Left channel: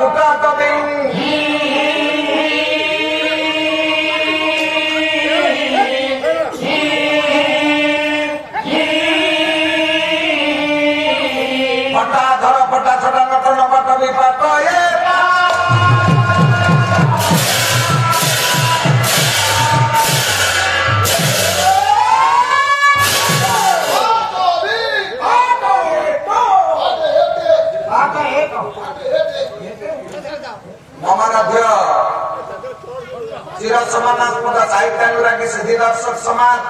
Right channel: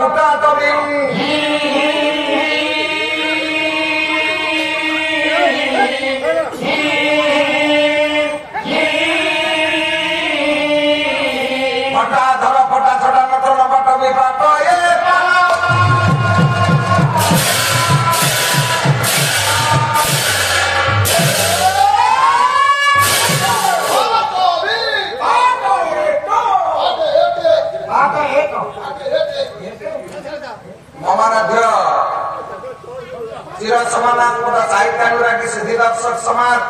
କୁଟା ତବି समानात्मक साहित्य सिद्धि दर्शक समाज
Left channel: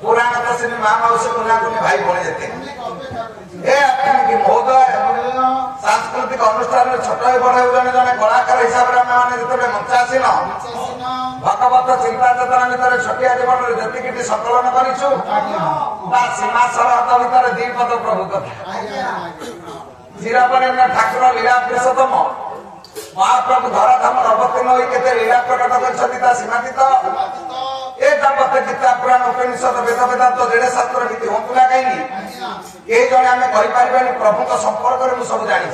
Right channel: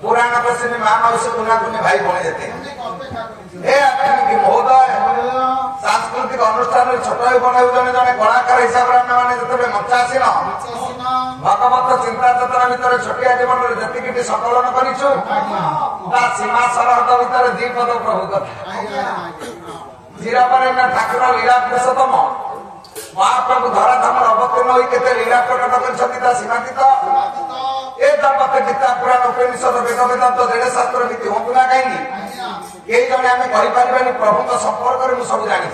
पुराण प्रश्न महामौसी कुनाकुनी भाई भौणी देते महोदय सांस्कृतिक अनुष्ठान छोट बड़ जड़े जड़े कलाकार हिसाब से आम जो मचासीन भगवत चिंता चेतना भितर छटिया जीवन जी संकलन करूँ सीमा सरहद भितर दीपद प्रभुत चिरपरिण ठाकुर लीला पुरुषोत्तम महाप्रभु धराधाम अवतीर्ण हो लीला प्रकट कर सीमातीत ए दंपति गीता पुराण उपनिषद वेद वेदांत जेड़े शास्त्र नीति हूँ ना कहीं यही जड़े आम कहीपर प्रभु संपर्क में सब जानी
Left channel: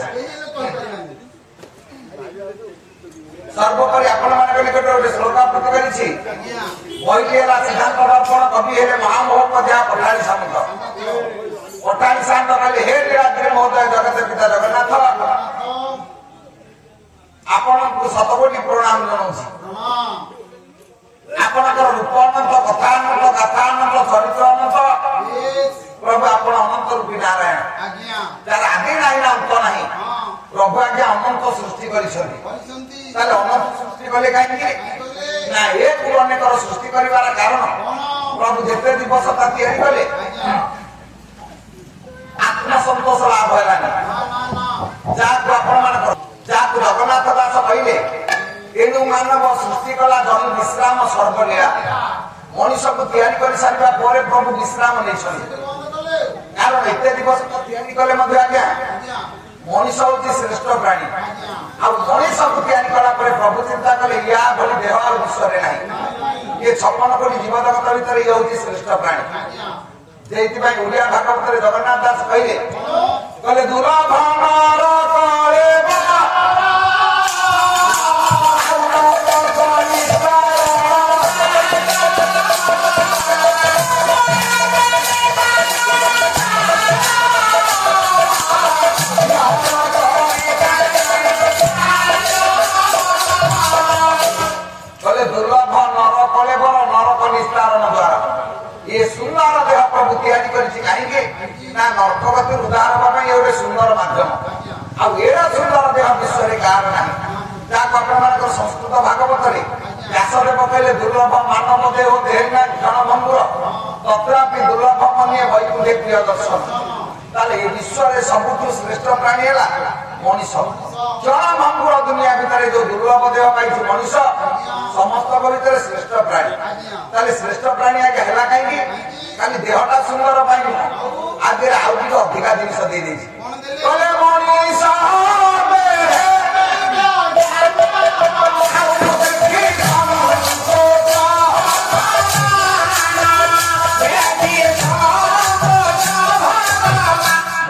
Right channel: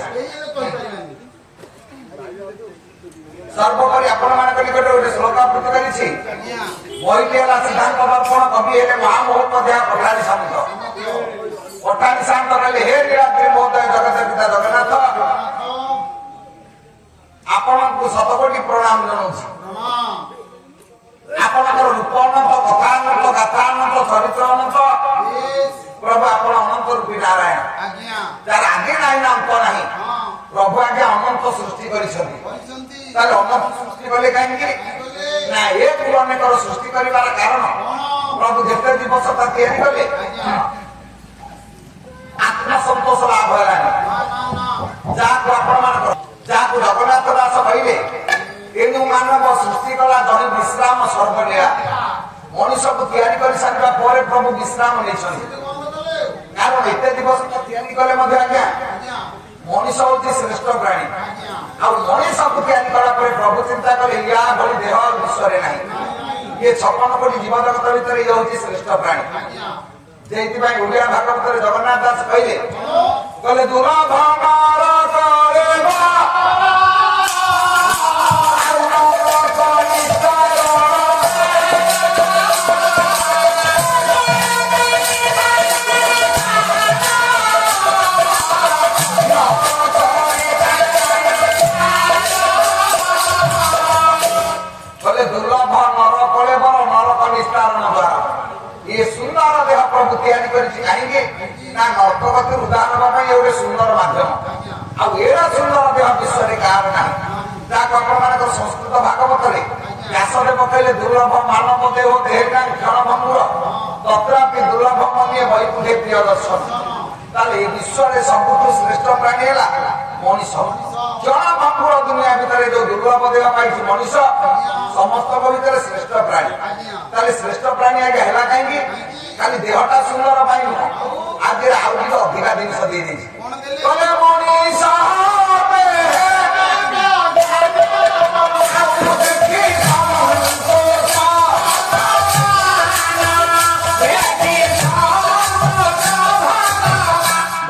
सर्वोपरि आपण मान निकट गोटे श्लोकावृत्ति कर बही है सिद्धांत दर्पण कवि है महामहोपाध्याय पठाणी सामंत पठाणी सामंत कहले हे लीलाद्री महोदय जगत पिता जगन्नाथ आपको शतकोटी प्रणाम जनाऊँ आपणकर रूप अनंत कथा अनंत गाथा अनंत चरित्र अनंत प्रभु आप अनंत रूपी नारायण जार आगे ना अंत ना प्रभु आगे अनंत सृष्टि कर अनंत सृष्टि कले कहीं ना एक अनेक सृष्टि कर कारण प्रभु जिते दिवसता या आत्मसंतोष लाभ है जहाँ जगन्नाथ दास कहले एणु मानव सृष्टि कला जन विश्राम सर्वलीला मनीष को तैयारी कर सारा पर प्रभु विश्राम नहीं कारण एत दिवस तैयारी कले आज्ञा मनीष हूँ श्रेष्ठ प्राणी आनीष को तैयारी कलापर प्रभु चिंता कले या भली देह और विश्व ना ये 56 कोटी जीव जगत भर ये हूँ श्रेष्ठ प्राणी जे ओडिया भागवत जगन्नाथ दास कहले दुर्लभ ये सुंदर देह प्रभु तैयारी कहीं ना नर्तकती उदाहरण होगा ये सुंदर मध्यम आड़ा सुंदर देह विश्व कार ना जहाँ संस्कृत भागवत व्यासरे पकड़े दुर्लभ मानव देह देहना क्षणभंगुर तथापि दुर्लभ मनिए वैकुंठे प्रिय दर्शन ताले विश्व सबुठ श्रेष्ठ प्राणी है मनीष क्षणभंगुर दुनिया भितर जो दुर्लभ देह पाई मनीष समस्त भर श्रेष्ठ प्राणी श्रेष्ठ प्राणी आगे है कहीं खाली देहटा सुंदर आगे आउ अधिका जिन दे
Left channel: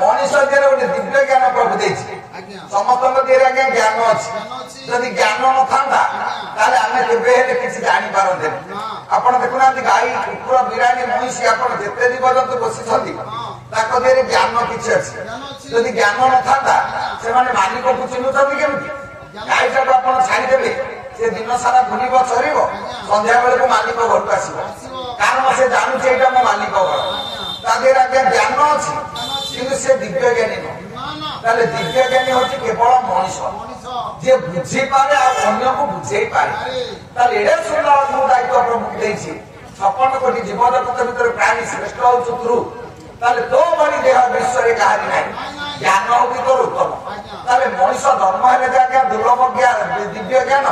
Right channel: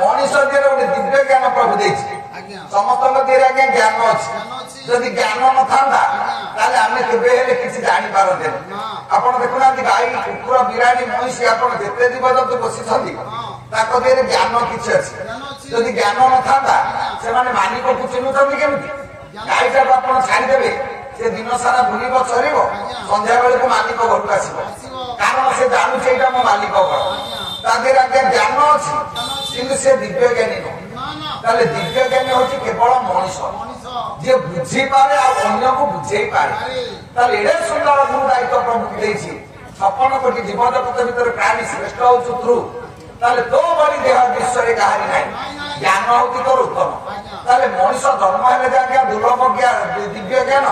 मनीष दिए गोटे दिव्य ज्ञान प्रभु दे समस्त दिए आज्ञा ज्ञान अच्छी जदि ज्ञान न था आम के किसी जापारते आप देखुना गाई कुकुर बिराणी महिषी आप जिते जीवजंतु बसी दिए ज्ञान किसी अच्छी जदि ज्ञान न था से मालिक को चिन्हुंट केमी गाई टाक आप छाड़देवे से दिन सारा बुल चर संध्या बेलू मालिक घर को आसो कारण से जानूचे यहाँ मो मालिक घर आज्ञा ज्ञान अच्छी कि से दिव्य ज्ञानी नुह दिव्य ज्ञानी हूँ केवल मनीष जे बुझीपे अन्य को बुझे पारे एडे सुंदर गुरु दायित्व प्रभु दे 56 कोटी जीव जगत भर प्राणी श्रेष्ठ हूँ ध्रुव तो बड़ी देह विश्व कहानी ना ज्ञान हूँ तोर उत्तम मनीष जन्म है आज्ञा दुर्लभ ज्ञान दिव्य ज्ञान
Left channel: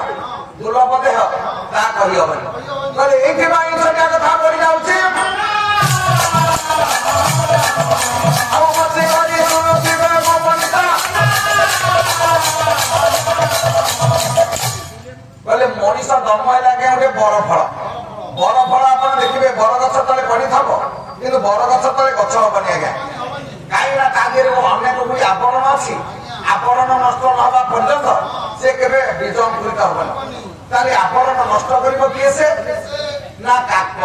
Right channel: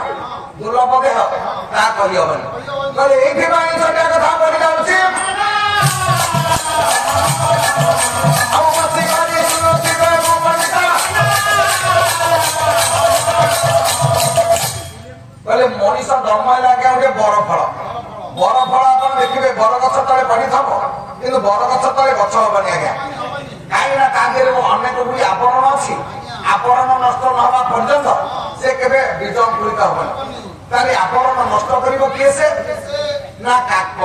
दुर्लभ देह ता कहबनी ये कथा बढ़ी जाऊँ मनीष जन्म है आज्ञा गोटे बर फल आप देखिए बरगछ तले पड़ी थब कि बरगछ तले गछ हबनी आज्ञा कहीं अनेक गुड़ी आवरण अच्छी ଆବରଣ ନଷ୍ଟ ନ ହେବା ପର୍ଯ୍ୟନ୍ତ ସେ କେବେ ବୀଜ ଅଙ୍କୁରିତ ହବନି। ତାହେଲେ ଆବରଣ ନଷ୍ଟ କରିବ କିଏ ସେ? ନା କାକ।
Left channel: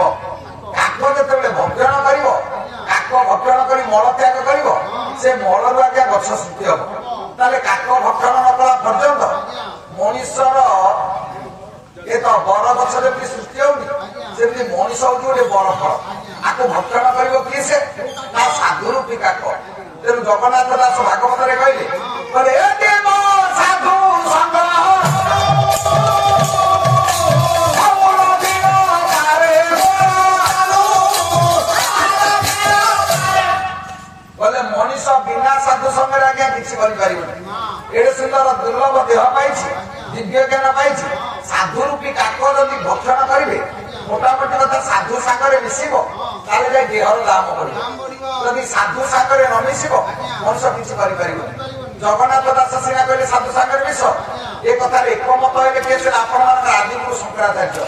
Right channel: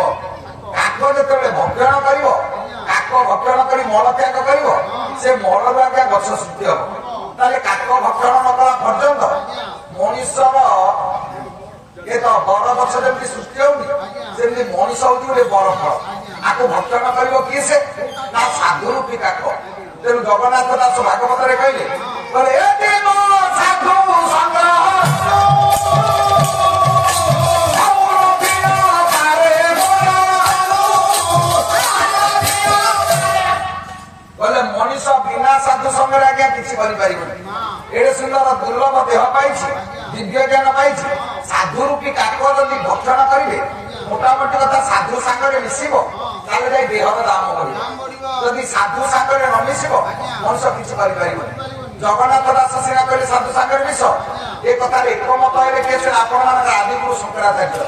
କାକ ଯେତେବେଳେ ଭକ୍ଷଣ କରିବ, କାକ ଭକ୍ଷଣ କରି ମଳ ତ୍ୟାଗ କରିବ, ସେ ମଳରୁ ଆଜ୍ଞା ଗଛ ସୃଷ୍ଟି ହବ। ତାହେଲେ କାକ ଭକ୍ଷଣ ନ କଲା ପର୍ଯ୍ୟନ୍ତ ମଣିଷର ଏ ତ ବର ଗଛ ଯେମିତି ସୃଷ୍ଟି ହଉନି, ସେମିତି ମଣିଷ ହଉଛି ଗୋଟେ ବର ଫଳ। ଆକୁ ଭକ୍ଷଣ କରିବ କିଏ ସେ? ନା ସାଧୁ ରୂପୀ କାକ। ତେଣୁ ଜଗନ୍ନାଥ ଦାସ ଭାଗବତରେ କହିଲେ ସାଧୁ ସଂଘ ମଣିଷ ବିନା ସାଧୁ ସଂଘରେ ଆଜ୍ଞା କିଛି କରିପାରିବନି। ଏଡେ ସୁନ୍ଦର ଦୁର୍ଲଭ ଦେହ ପାଇଛି, ଦିବ୍ୟ ଜ୍ଞାନ ପାଇଛି, ସାଧୁ ରୂପୀ କାକ ଯଦି ଭକ୍ଷଣ କରିବେ, ମୋଟାମୋଟି କଥା ସାଧୁ ସାଙ୍ଗରେ ମିଶିବ, ତାହେଲେ ଯାଇ ଦେହର ଦାମ ବଢିବ। ଯଦି ସାଧୁ ସାଙ୍ଗରେ ନ ମିଶିବ ମଣିଷ କିଛି କରିପାରିବନି। ଜଗନ୍ନାଥ ଦାସ ସିନା କହିଲେ ସାଧୁ ସାଙ୍ଗରେ ମିଶ, ଏ କଥାରେ ଏକମତ ହେଲେ କିଏ ସେ? ଆପଣ ମାନଙ୍କର ଆଦିଗୁରୁ ଶଙ୍କରାଚାର୍ଯ୍ୟ।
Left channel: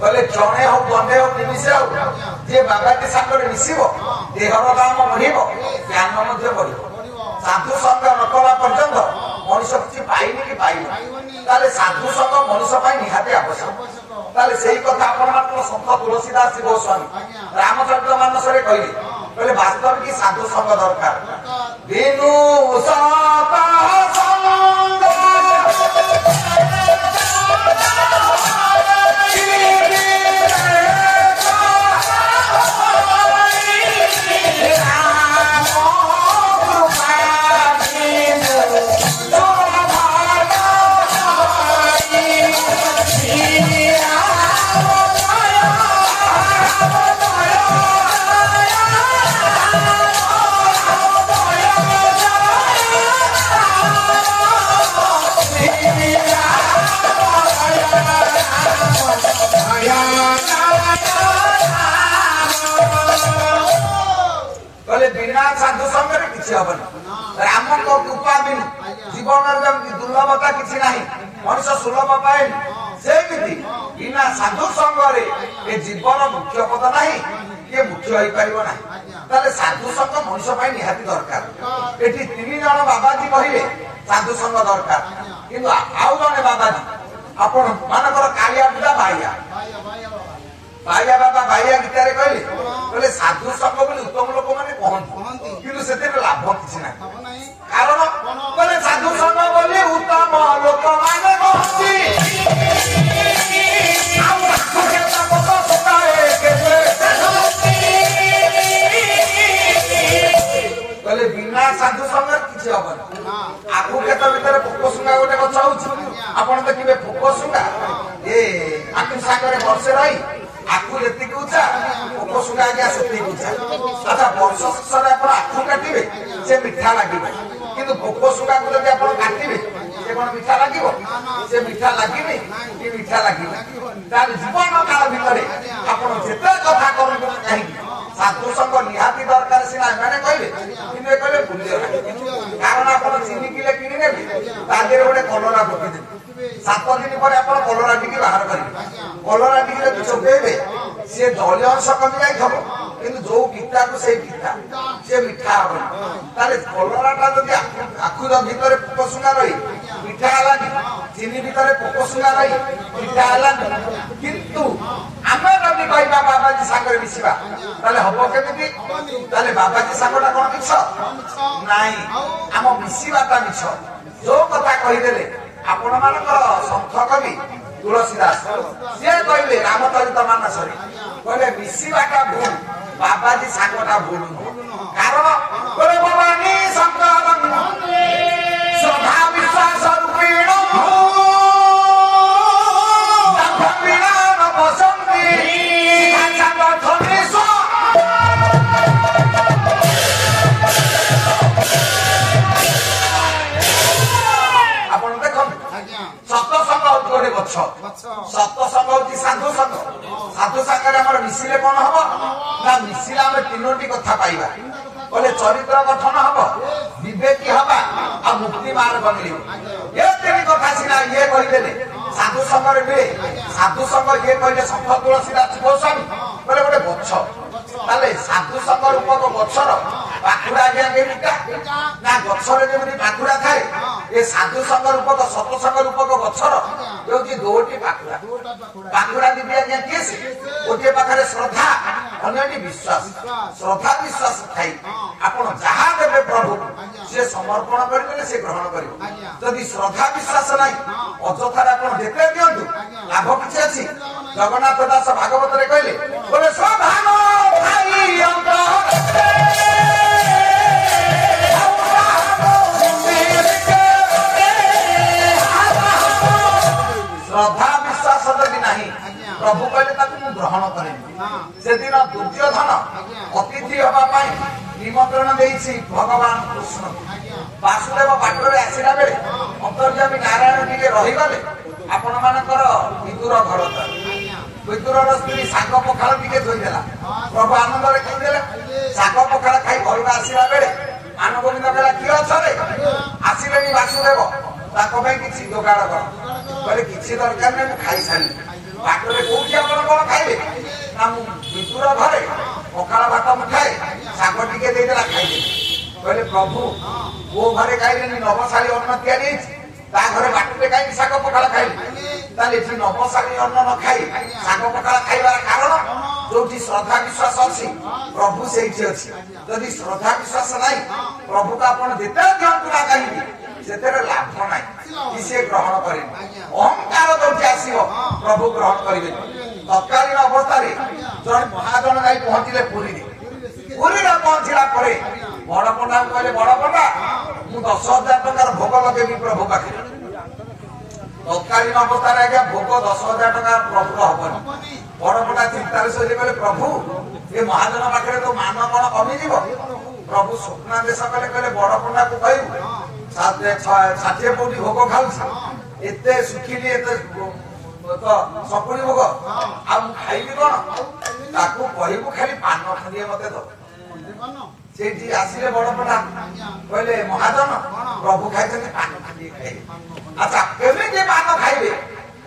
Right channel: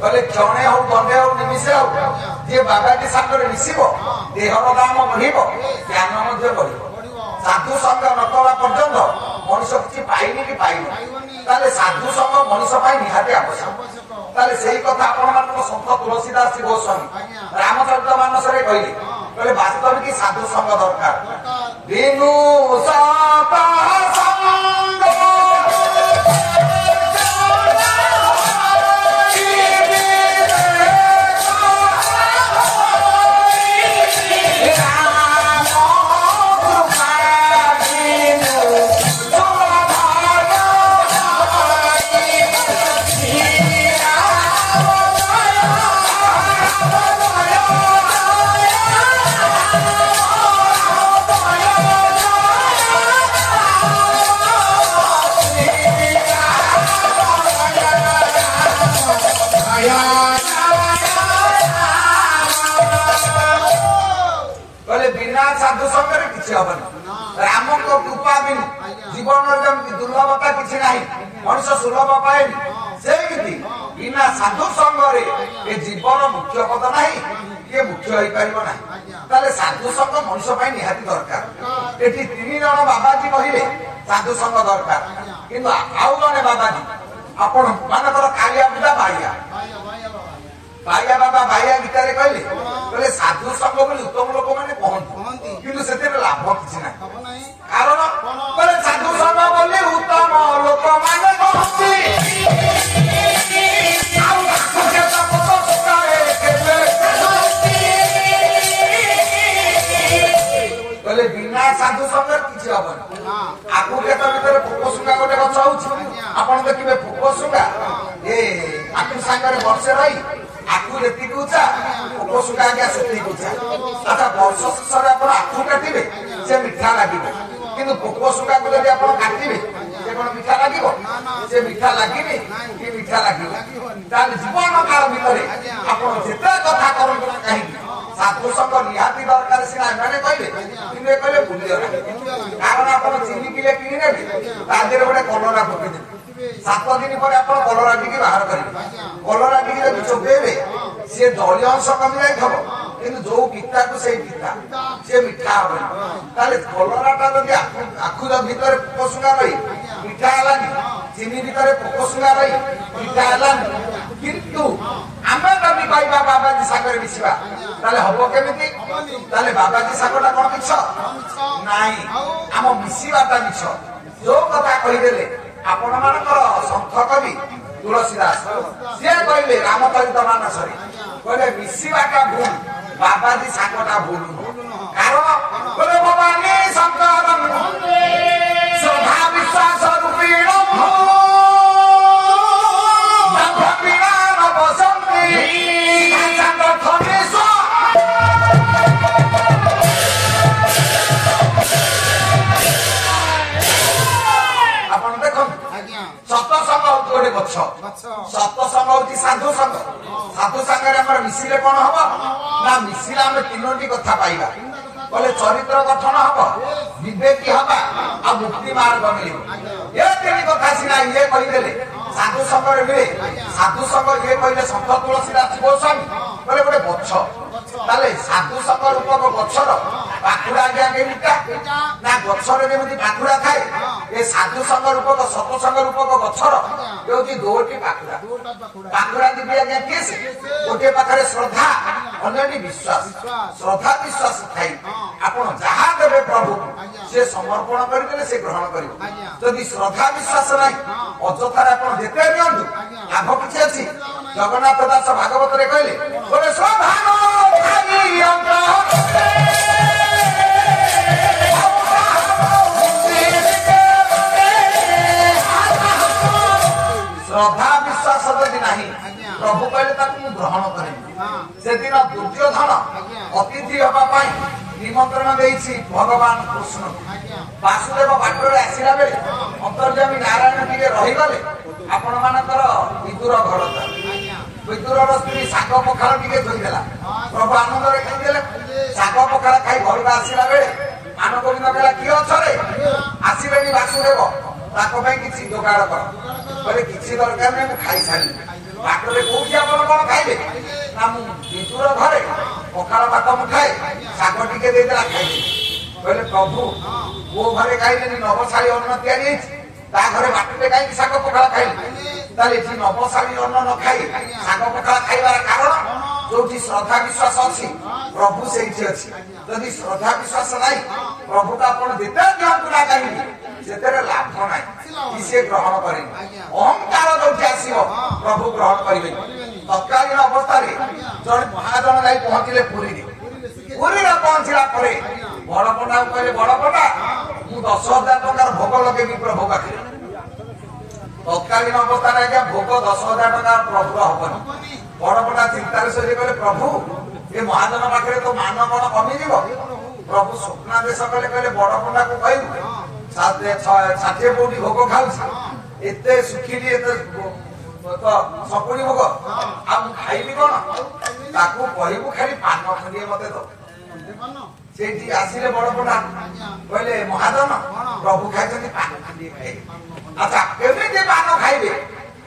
କହିଲେ ଜଣେ ହଉ, ଦଣ୍ଡେ ହଉ, ନିମିଷେ ହଉ, ଯିଏ ବାବାଜୀ ସାଙ୍ଗରେ ମିଶିବ ଦେହର ଦାମ ବଢିବ, ଜ୍ଞାନ ମଧ୍ୟ ବଢିବ। ସାଧୁ ସଂଘ ନ କଲା ପର୍ଯ୍ୟନ୍ତ ମଣିଷ କିଛି ପାଇନି କି ପାଇନି। ତାହେଲେ ସାଧୁ ସଂଘ ମଣିଷ ପାଇଁ ନିହାତି ଆବଶ୍ୟକ। ତାହେଲେ ସେଇ କଥା ଆପଣମାନଙ୍କର ସନ୍ଥ ତୁଳସୀଦାସ ଗୋସ୍ୱାମୀ ରାମଚରିତ ମାନସରେ କହିଲେ ବାସ୍ତବିକ ସାଧୁ ସଂଘ ଦରକାର। ବିନୁ ରାମଙ୍କ କୃପା ବିନୁ ଜୀବନର ଯେମିତି ଦୁର୍ଲଭତା କିଛି ନାହିଁ, ମଣିଷ ସୁଲଭ ପାଏନି, ସେମିତି ବିନା ସାଧୁ ସଂଘରେ ଏ ଜୀବନ ମୁଖ୍ୟ ପଦ ନାହିଁ, କିଏ ମୁଖ୍ୟ ହେଇପାରିବ ନାହିଁ। ତାହେଲେ ସାଧୁ ସଂଘ ମଣିଷ ପାଇଁ ନିହାତି ଦରକାର। ଏଠି 3 ଜଣ ବାବାଜୀ କହିଲେ ସାଧୁ ସଂଘ ଦରକାର, କିନ୍ତୁ ଆଉ ଜଣେ ବାବାଜୀ ଆପଣ ମାନଙ୍କର କାଳିଆ ପିଲା ବାଳିଆ ବାଇଆ ବାବା ବାଇଆ ଗୀତାରେ କହିଲେ ସାଧୁ ସଂଘ ବୋଲି ଉତ୍ତମ ଲୋକମାନେ କହନ୍ତି, କିନ୍ତୁ ସେଥିରେ ଲାଭ କିଛି ନାହିଁ। କାରଣ ସାଧୁ ସଂଘ ବୋଲି ଉତ୍ତମ ଲୋକମାନେ କହନ୍ତି, କହିଲେ ବିନା ସାଧୁ ସଂଘରେ କିଛି ହବନି। ଆଖୁ କ୍ଷେତ ଭିତରେ ପୋକଶୁଙ୍ଗା ଗୋଟେ ଗଛ ହଉଛି, ଆପଣ ଦେଖିବେ ପୋକଶୁଙ୍ଗା ଏ ଆଖୁ ସାଙ୍ଗରେ ବର୍ଷେ ରହି ଆଖୁ ଯେତିକି ଉଚ୍ଚା, ପୋକଶୁଙ୍ଗା ଆଜ୍ଞା ସେତିକି ଉଚ୍ଚା। ଆଚ୍ଛା, ବର୍ଷ ଶେଷରେ ଆପଣ ଆଖୁ କାଟିବେ, ସେ ମିଠା ଲାଗିବ, କିନ୍ତୁ ପୋକଶୁଙ୍ଗାକୁ ଯଦି ଆପଣ କାଟିବେ ସେ କଣ ମିଠା ଲାଗିବ? ସେ ମିଠା ଲାଗିନି କି ମିଠା ଲାଗିବ। ତାହେଲେ ଜୀବନ କାଳ ଭିତରେ ଆପଣ ଯେତେ କଥା କରନ୍ତୁ ନା କାହିଁକି ସାଧୁ ସଂଘ ନିହାତି ଦରକାର। ସିନା ଏମାନେ କହିଲେ, କିନ୍ତୁ ଏ କହିଲେ ଭୁଲିଗଲା। କାରଣ ଆପଣ ଚିନି କିଲେ କିଣିନେବେ, ତା ଦେହରେ ଗୋଟେ କଲରା ପକେଇଦେବେ, 7 ଦିନ ପରେ ଆପଣ କଲରା ଟିକେ ବାହାର କରିବେ। କଲରା ଟିକେ ଯଦି ଚୋବେଇବେ, ସିଏ ଦଳୀୟ ଅଂଶ କମି ଯାଇଥିବ, କିନ୍ତୁ ଯୋଉ ପିତାକୁ ସେଇ ପିତା, ସେ ମିଠା ହବନି। ତାହେଲେ କଲରାଟା ଯଦି ଆଖୁ ଭିତରେ ପୋକଶୁଙ୍ଗା ରହି ମିଠା ହେଲାନି, ଚିନି ଭିତରେ ପୋକଶୁଙ୍ଗା ରହି ମିଠା ହେଲାନି, କିନ୍ତୁ ଆମେ ଯଦି କହିବା ବାବାଜୀ ସାଙ୍ଗରେ ମିଶିବା, ତାହେଲେ ହବ କେମିତି? ତାହେଲେ ବାବାଜୀ ସାଙ୍ଗଟା କଣ ମିଛ? ନାଇଁ, ଆମ ମିଶିବାଟା ମିଛ। ଯୋଉ କଥା କହିଦେଲେ ଆପଣ ମାନଙ୍କର ସନ୍ଥ କବି ତୁଳସୀଦାସ ସିଏ କହିଲେ ରାମଚରିତ ମାନସରେ, କହିଲେ ମିଶିବାଟା ଭୁଲ, ବାବାଜୀ ସାଙ୍ଗଟା ଭୁଲ। କାରଣ ଭବାନୀ ଶଙ୍କର ଶ୍ରଦ୍ଧା ବିଶ୍ୱାସ ରୂପୀଣ ବସନ୍ତି ସତସଙ୍ଗ ହଉଛି ସାଧୁ ସଂଘ। ସାଧୁ ସାଙ୍ଗରେ ଆମର ମିଶିଲେ କଣ ହବ ନା, ମିଶିଲେ ଆମେ 3ଟି କଥା ପାଇବା। କହିଲେ ଚରିତ୍ର ଗଠନ ହବ, ବିବେକୀ ହବା, ଆଉ ମୁକ୍ତି ମାର୍ଗ ମିଳିବ। ଏ ତିନି କଥା ସିନା ଇଏ କହିଦେଲେ ସାଧୁ ସଂଘରେ ମିଳେ। ସାଧୁ ସଂଘ ଇଏ କହିଲେ ସନ୍ଥ ତୁଳସୀଦାସ ଗୋସ୍ୱାମୀ କହିଲେ ଗୋଟେ ଗଛ, ତାହେଲେ ସାଧୁ ସଂଘ ରୂପକ ଗଛର ପାଖୁଡା ଆଜ୍ଞା କେମିତିଟା ନା ଗଛରେ ଯେମିତି ପାଖୁଡା ଥାଏ, ଏ ସାଧୁ ସଂଘ ରୂପକ ସତସଂଘ ରୂପକ ଗଛର ହେଉଛି ଦୁଇଟି ପାଖୁଡା। ପାଖୁଡା ଦିଦି ଆଜ୍ଞା କିଏ ସେ? ଗୋଟିଏ ପାଖରେ ଶ୍ରଦ୍ଧା, ଅନ୍ୟଟି ବିଶ୍ୱାସ। ଶ୍ରଦ୍ଧା ବିଶ୍ୱାସ ଥାଇ ଆପଣ ଯାହା ଦେବେ ପ୍ରଭୁ ସେ ସମର୍ପଣ କରିଦେଲେ ସେ ଗ୍ରହଣ କରିବ। ଯଦି ଶ୍ରଦ୍ଧା ବିଶ୍ୱାସ ନାହିଁ ଅଯଥାରେ ଆପଣ ଯେତେ ଦିଅନ୍ତୁ ଲାଭ କିଛି ଅଛି। ଜଗନ୍ନାଥ ଦାସ ଭାଗବତରେ କହିଲେ ଶ୍ରଦ୍ଧା ବିଶ୍ୱାସ ଯଦି ନାହିଁ ପ୍ରଭୁ କହିଲେ ତାକୁ ମୁଁ ଗ୍ରହଣ କରିବି। ସେଦିନ ଦୁର୍ଯ୍ୟୋଧନ ଅତିଥି ହେବା ପାଇଁ ନିମନ୍ତ୍ରଣ ଦେଇଛି ଭଗବାନ କୃଷ୍ଣ। ବାସୁଦେବ ବାଟରେ ଆସିଲା ବେଳେ ଅନ୍ତର୍ଯାମୀ ନାରାୟଣ ଟିକେ ରହିଗଲେ ଆପଣ ମାନଙ୍କର ବିଦୁର ଘର। ବିଦୁରର ସ୍ତ୍ରୀ ଶାଗ ପଖାଳ ଟିକେ ଧୋଇଦେଲା, ପ୍ରଭୁ ଆନନ୍ଦରେ ଖାଇଦେଲେ। ଶାଗ ପଖାଳ ଖାଇ ଘରକୁ ଆସିଲା ବେଳେ ମାନବୋନ୍ଦ କହିଲା କିଏ ଅଛରେ? ଆସିଲେନି ବାସୁଦେବ, ତାଙ୍କ ପାଇଁ କିଛି ଯୋଗାଡ଼ କର। କହିଲେ କିଛି ଦରକାର ନାହିଁ, ମୁଁ ଖାଇସାରିଲି। ବାଟରେ କୋଉଠି ଆପଣ କଣ ଖାଇବେ? ନା ମୁଁ ବିଦୁର ଘରେ ପଖାଳ ଭାତ ମୁଠାଏ ଶାଗ ଟିକେ ଦେଇଦେଲା ଖାଇଲେ। କହିଲେ ପ୍ରଭୁ କୋଉ ଘରେ ଖାଇଲେନି? ନବଶାଳୀ ଅନ୍ନ ତିଆରି ହେଇଛି, ତା ଘରେ ବାଟରେ କାହିଁକି ଶାଗ ପଖାଳ ଖାଇଲେ? ତାହେଲେ ଏଠି ନବଶାଳୀ ଅନ୍ନ ନ ଖାଇ ଶାଗ ପଖାଳ ଖାଇବାର କାରଣ ଯୋଉଠି ଶ୍ରଦ୍ଧା ବିଶ୍ୱାସ ଅଛି ପ୍ରଭୁ ସେଇଠି ଅଛି। ଯଦି ଶ୍ରଦ୍ଧା ବିଶ୍ୱାସ ନାହିଁ ପ୍ରଭୁକୁ ଆପଣ ଯେତେ ଦିଅନ୍ତୁ ନା କାହିଁକି ସେଥିରେ ଲାଭ ନାହିଁ, କି ସିଏ ଗ୍ରହଣ କରିବେ। ଅହଙ୍କାର ଯୋଉଠି ଆସିବ ପ୍ରଭୁ ଗ୍ରହଣ କରିବେ। ତତ୍କାଳୀନ ଅବସ୍ଥାରେ ଜଣେ ମହାଜନ ଯାଇ ପହଞ୍ଚିଲେ ପୁରୀରେ। ପୁରୀରେ ପହଞ୍ଚିଲା ପରେ ବଡ ପଣ୍ଡାକୁ କହିଲେ ବଡ ପଣ୍ଡା ମୁଁ 10,000 ଟଙ୍କାର ଭୋଗ ଲଗେଇବି ପ୍ରଭୁ ପାଖରେ। ତତ୍କାଳୀନ ଅବସ୍ଥାରେ ଆଜ୍ଞା ଭୋଗ 10,000 ଟଙ୍କା ପ୍ରଭୁର ହବନି। ବଡ ପଣ୍ଡା ଚିନ୍ତାରେ ଶୋଇଲେ କହିଲେ ପ୍ରଭୁ ଏ ମହାଜନ ପାଖରେ ତ ମାନ କଣ କମିଯିବ? ପ୍ରଭୁ ସ୍ୱପ୍ନାଦେଶ କଲେ, କହିଲେ ବଡ ପଣ୍ଡାକୁ କହିବୁ 60 କୋଟି ଭୋଗ ଖାଉଛି, ଏତେ ଶୁଖିଲି ଏତେ ସପୁଣି ଭୋଗ, ଆଉ ମୁଁ ଖାଇବି କଣ? ତାକୁ କହିବୁ ଖାଲି ପାନ ଖଣ୍ଡିଏ ମତେ ଦବ। ସେଇଠି ଆସିଲେ ବଡ ପଣ୍ଡା କହିଲେ ମହାଜନ ପ୍ରଭୁ ଖାଇଛନ୍ତି, ପାନ ଖଣ୍ଡିଏ ଖାଇବେ। ଆଚ୍ଛା କେମିତି ପାନ ଖାଇବେ?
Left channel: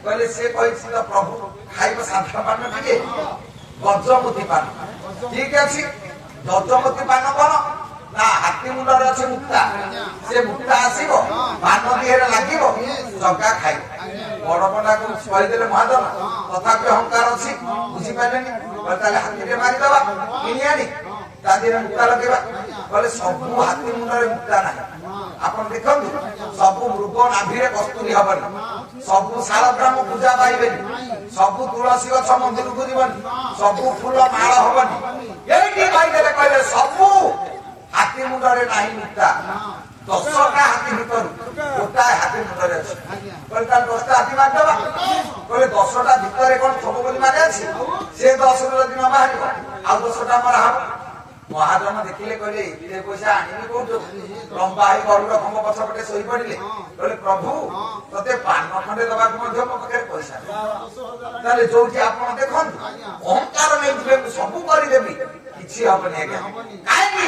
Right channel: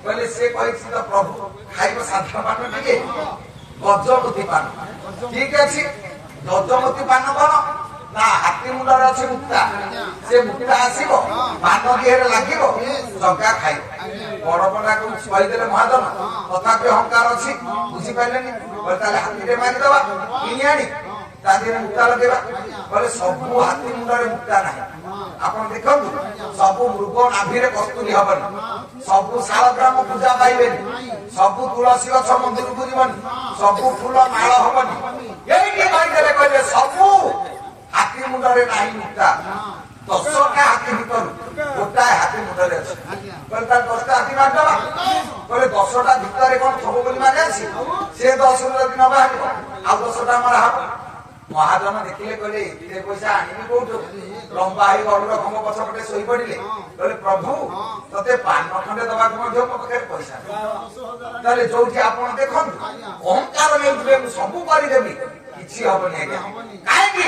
କହିଲେ ସେ କହିଛି ତ ପ୍ରଭୁ ଖାଇବ ସାଧା ପାନ ଟିକେ, ଗଜମତି ପାନ। ଠିକ ଅଛି, ଗଜମତି ପାନ କଣ ନା ହାତୀ ମୁଣ୍ଡରେ ଅଛି ମୁକ୍ତା, ସେ ମୁକ୍ତା ଆସିବ ପାନ ଦିହରେ ଲାଗିବ, ଜଗା ଖାଇବ। ବଡ ପଣ୍ଡାକୁ କହିଦେଲେ ମହାଜନ ତଥାପି ଅହଙ୍କାର ଅଛି, ବୁଝିପାରିଲେନି। ତାହେଲେ ହାତୀରେ ମାରିଦବା, କିଣି ଆଣି ତା ଦେହରେ ମୁକ୍ତା ଲଗେଇବା। କହିଲେ ସବୁ ହାତୀ ମୁଣ୍ଡରେ ମୁକ୍ତା ନାହିଁ। ଆପଣ ଦେଖନ୍ତୁ ସବୁ ମୃଗ ନାଭିରେ କସ୍ତୁରୀ ହବନି, ସବୁ ଶାଳଗ୍ରାମ ପୂଜା ପାଇବେନି, ସବୁ ତୁଳସୀ ଗଛ ମନ୍ଦିରକୁ ଯିବନି, ସବୁ ଫୁଲ ମାଳ ହବନି। ଏଇଠି କହିଦେଲେ କହିଲେ ସବୁ ହାତୀ ମୁଣ୍ଡରେ ନାହିଁ ମୁକ୍ତା। 10ଟା ହାତୀ ଭିତରୁ ଗୋଟାଏ ହାତୀ ମୁଣ୍ଡରେ ଅଛି। କହିଲେ ତାର 10ଟା ହାତୀ ମାରିଦବା। କହିଲେ 10ଟା ଭିତରେ କଣ ଥବ ବୋଲି ମାରି ଅଛି? ସେ 10ରୁ ଯଦି ନ ବାହାରିବ ଆଉ 10ଟା ମରା ହବ। ମହାଜନ ଦେଖିଲେ କହିଲେ ଏତେ ପଇସା ଆଣିବି କୋଉଠୁ? ଲମ୍ବା ହେଇ ଗରୁଡ ଖମ୍ବ ପଛପଟେ ଶୋଇ ପଡିଲେ। କହିଲେ ପ୍ରଭୁ ତତେ ପାନ ଖଣ୍ଡେ ଦେବାକୁ ମଧ୍ୟ ମୋ ପାଖରେ ପଇସା। ତାହେଲେ ଯୋଉଠି ଆପଣ ଦେଖନ୍ତୁ ଅହଙ୍କାର ନେଇଥିବେ ମୁଁ ସବୁ କରିଦେବି, କିଛି ହବନି ଆଜ୍ଞା। କାହିଁକି?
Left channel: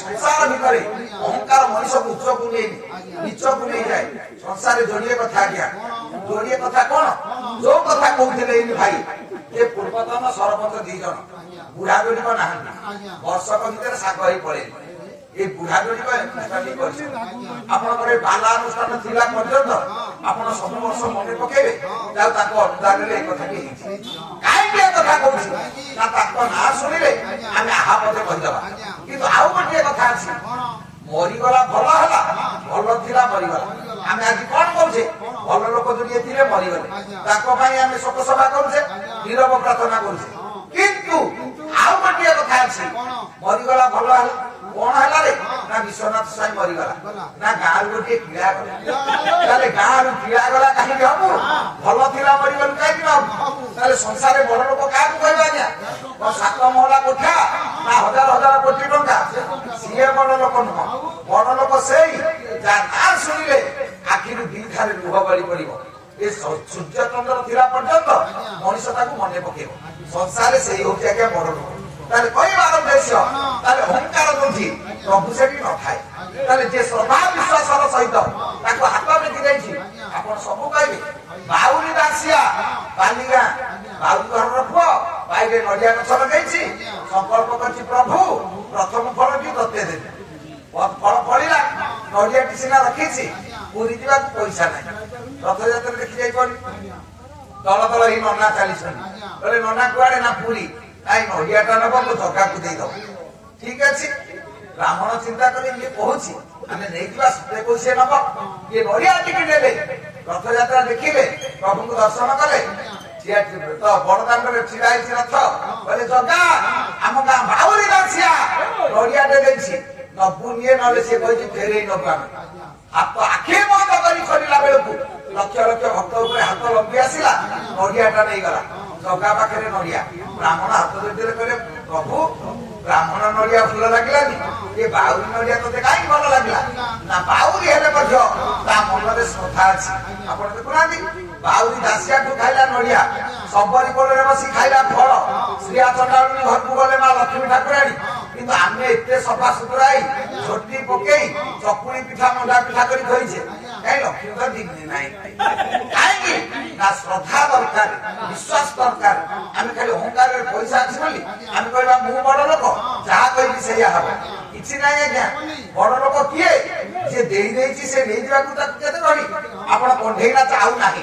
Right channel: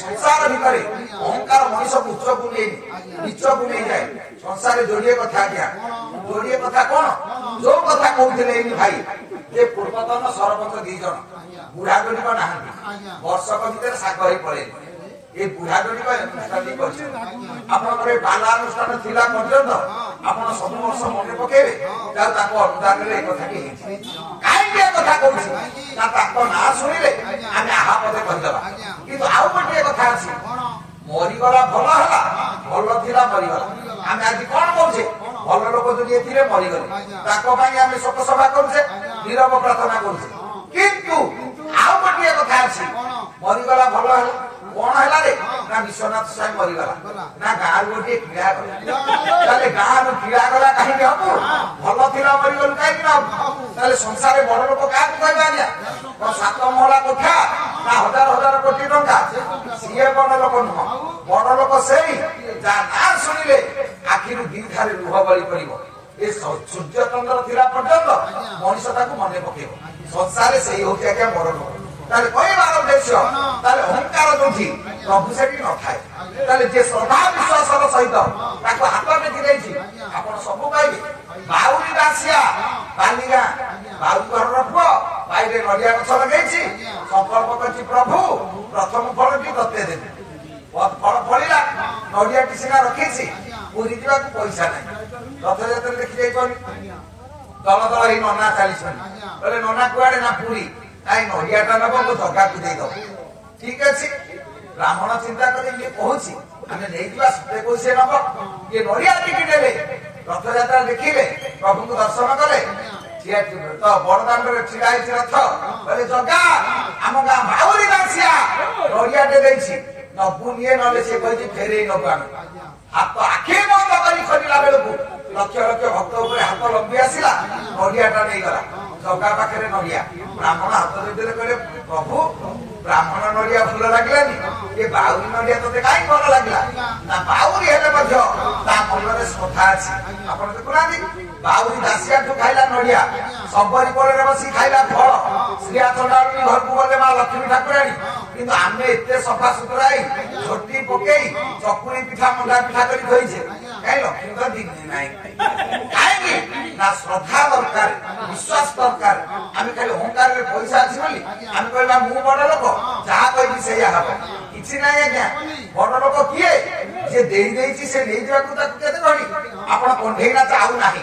ସଂସାର ଭିତରେ ଅହଙ୍କାର ମଣିଷକୁ ଉଚ୍ଚକୁ ନେଇନି, ନିଚକୁ ନେଇଯାଏ। ସଂସାରରେ ଯୋଡିଏ କଥା ଆଜ୍ଞା। ଯୋଡିଏ କଥା କଣ? ଯୋଉ କଥା କହୁଥିଲେ ଏଇନି ଭାଇ, ଯେ ପୂର୍ବତନ ସରପଞ୍ଚ 2 ଜଣ ବୁଢା ଯୋଡିକ ନାହାନ୍ତି, ବର୍ଷକ ଭିତରେ ଶାଗ ହେଇ ପଳେଇଲେ। এই বুড়া গুড়িক অনুষ্ঠানটি করছেন। আপনার বালা অনুষ্ঠান লা পর্যন্ত আপনার সবু বর্ষ মনে পকাইবে তাহলে তাকে অনুদানের এই কথাটি হয়েছে। কাহিঁকি এ কথা কହୁছি না তাক না শুনিলে আমি আহা পদে কহিদেবা। কিন্তু আউ গোটিয়ে কথা আছে, মরিগলা ভাল হলা, ভাল লা মরিগলা। আমি আজ কଣ করছে? ভাল লোক যদি এতে মরিগলে তাক আমি শোক সভা করছে, নীরব প্রার্থনা করছে। কিন্তু আউ গোটিয়ে কথা আছে, মরিগলা ভাল হলা କଣ ହେଲା ରେ ନା ବିଶ୍ୱନାଥ ସ୍ୱାଇଁ ମରିଗଲା ନା ଗାଁରୁ ଗୋଟିଏ କ୍ରୀଡ଼ା ଗଲା। ତାହେଲେ ଗାଁରୁ କ୍ରୀଡ଼ା ଗଲା କାହିଁକି ହବ? ଭଲ ଥିଲା ମରିଗଲୁ କାହିଁକି ନା ହବ? ତାହେଲେ ସଂସାରରେ ବଡ ଲୋକ କାହାକୁ କହିବେ ଆଜ୍ଞା? 7 ମହଲା କୋଠା ନା ହଜାର ହଜାର କୋଟି ଟଙ୍କା, ସିଏ ବଡ ଲୋକ ନୁହଁ। ବଡ ଲୋକ ସେଇ ଯାହା ନାଁ ଶୁଣିଲେ ଆଖିରୁ 2 ଧାରେ ଲୁହ ବଳି ପଡିବ। ଏ ସୂର୍ଯ୍ୟ ଚନ୍ଦ୍ର ଥିଲା ପର୍ଯ୍ୟନ୍ତ ମଣିଷ ତାକୁ ମନେ ପକେଇବ। ସଂସାରରେ ସେଇ ହଉଛି ଆଜ୍ଞା ବଡ ଲୋକ। ତାହେଲେ କହିବାର ଉଦ୍ଦେଶ୍ୟ, ତାହେଲେ ଅହଙ୍କାର ଯୋଉଠି ପ୍ରଭୁ ସେଠି ନଥାଏ। ତାହେଲେ ଯେ ଶ୍ରଦ୍ଧା ବିଶ୍ୱାସର ସହିତ ସିନା ରଖିଛି ପୁରୀ ଯିବାକୁ ପଇସା ନାହିଁ। ରଥଯାତ୍ରା ଦେଖି ଯାଇପାରୁନି। ଦଳ ଦଳ ଏଇ ନନା ଚାଲିଛନ୍ତି। କହିଲେ ନନା କୁଆଡେ ନା ପୁରୀ। ନାଇଁ ନଡିଆଟା ନବ ମୁଁ ଜଗାକୁ ଦେଇଦବ। ଠିକ ଅଛି। ବ୍ରାହ୍ମଣ ଚିନ୍ତା କରି ଇଏ କହୁଛି ଆମେ ନେଇଯିବା ସତେ କହୁଛି ନବ। ଇଏ ନଡିଆ ଟିକେ ନେଲେ ରଥଯାତ୍ରା ଦେଖିଲେ ପ୍ରଭୁଙ୍କୁ ଦର୍ଶନ କଲେ। ବଡଦାଣ୍ଡରେ ଛିଡା ହେଇଛି ରଥ। କହିଲେ ଜଗା ଆମ ଗାଁ ଭାଉରୀ ଦାସିଆ ନଡିଆଟେ ଦେଇଛି ନବୁ ନିଏ ନହେଲେ ସେ କହିଛି ଫେରେଇ ନବୁ ଆମେ। ହାତ ଆଖି ବନ୍ଦ କରି ଫେରିଲା ବେଳକୁ ଲକ୍ଷ ଲକ୍ଷ ଭକ୍ତ ଉପରେ ହାତ ଲମ୍ବି ଆସିଲା ନଡିଆଟା ନେଇଗଲା। ଜଗା ପାଖରେ ନଡିଆ। ବ୍ରାହ୍ମଣ ହାତ ଯୋଡ଼ିଲେ କହିଲେ ପ୍ରଭୁ ବ୍ରାହ୍ମଣ ନଡିଆ ଭଲ ଲାଗିଲାନି ଏ ବାଉରୀ ନଡିଆ ତତେ କାହିଁକି ଭଲ ଲାଗିଲା? ନା ବାଉରୀ ହେଲେ ମଧ୍ୟ ତା ମନରେ ଶ୍ରଦ୍ଧା ଅଛି। ଆପଣ ଦେଖୁନାହାନ୍ତି ବାଉରୀ ଦାସିଆଠୁ ଖାଇଲା ନଡିଆ, ସବରୀ କୋଳରେ ବସି ଖାଇଲା ଫଳ, ଶ୍ରୀଆ ଚଣ୍ଡାଳୁଣୀ ଘରକୁ ଗଲେ ମା ଲକ୍ଷ୍ମୀ ଠାକୁରାଣୀ। କିନ୍ତୁ ଆମେ ଏତେ ସଫା ସୁତୁରା ହେଇ ଝୋଟି ପକେଇ ଚକୁଳି ପିଠା ମଣ୍ଡା ପିଠା କରି ଧୋଇଛେ କାହିଁ ଲକ୍ଷ୍ମୀ ତ ଦିଦି ନାହିଁ। କାହିଁକି ନା ଶ୍ରଦ୍ଧା ଦରକାର, ବିଶ୍ୱାସ ଦରକାର। ଆମେ ଖାଲି ଅହଙ୍କାରରେ ପଇସା ଅଛି ବୋଲି ଆମେ କହିବା ମୁଁ ବଡ ଲୋକ ଯାହା କହିବି ସେଇଆ ହବ। କିଛି ନାହିଁ ଆଜ୍ଞା। ବଡ ଲୋକ କିଏ? ଯିଏ ଦେଇ ଦେଇଛି ସେ ନେଇଯିବାକୁ ତାକୁ କେତେ ଗଣି। ଆପଣ କଣ୍ଢେଇ ନାଚ ଆଉ ନାହିଁ।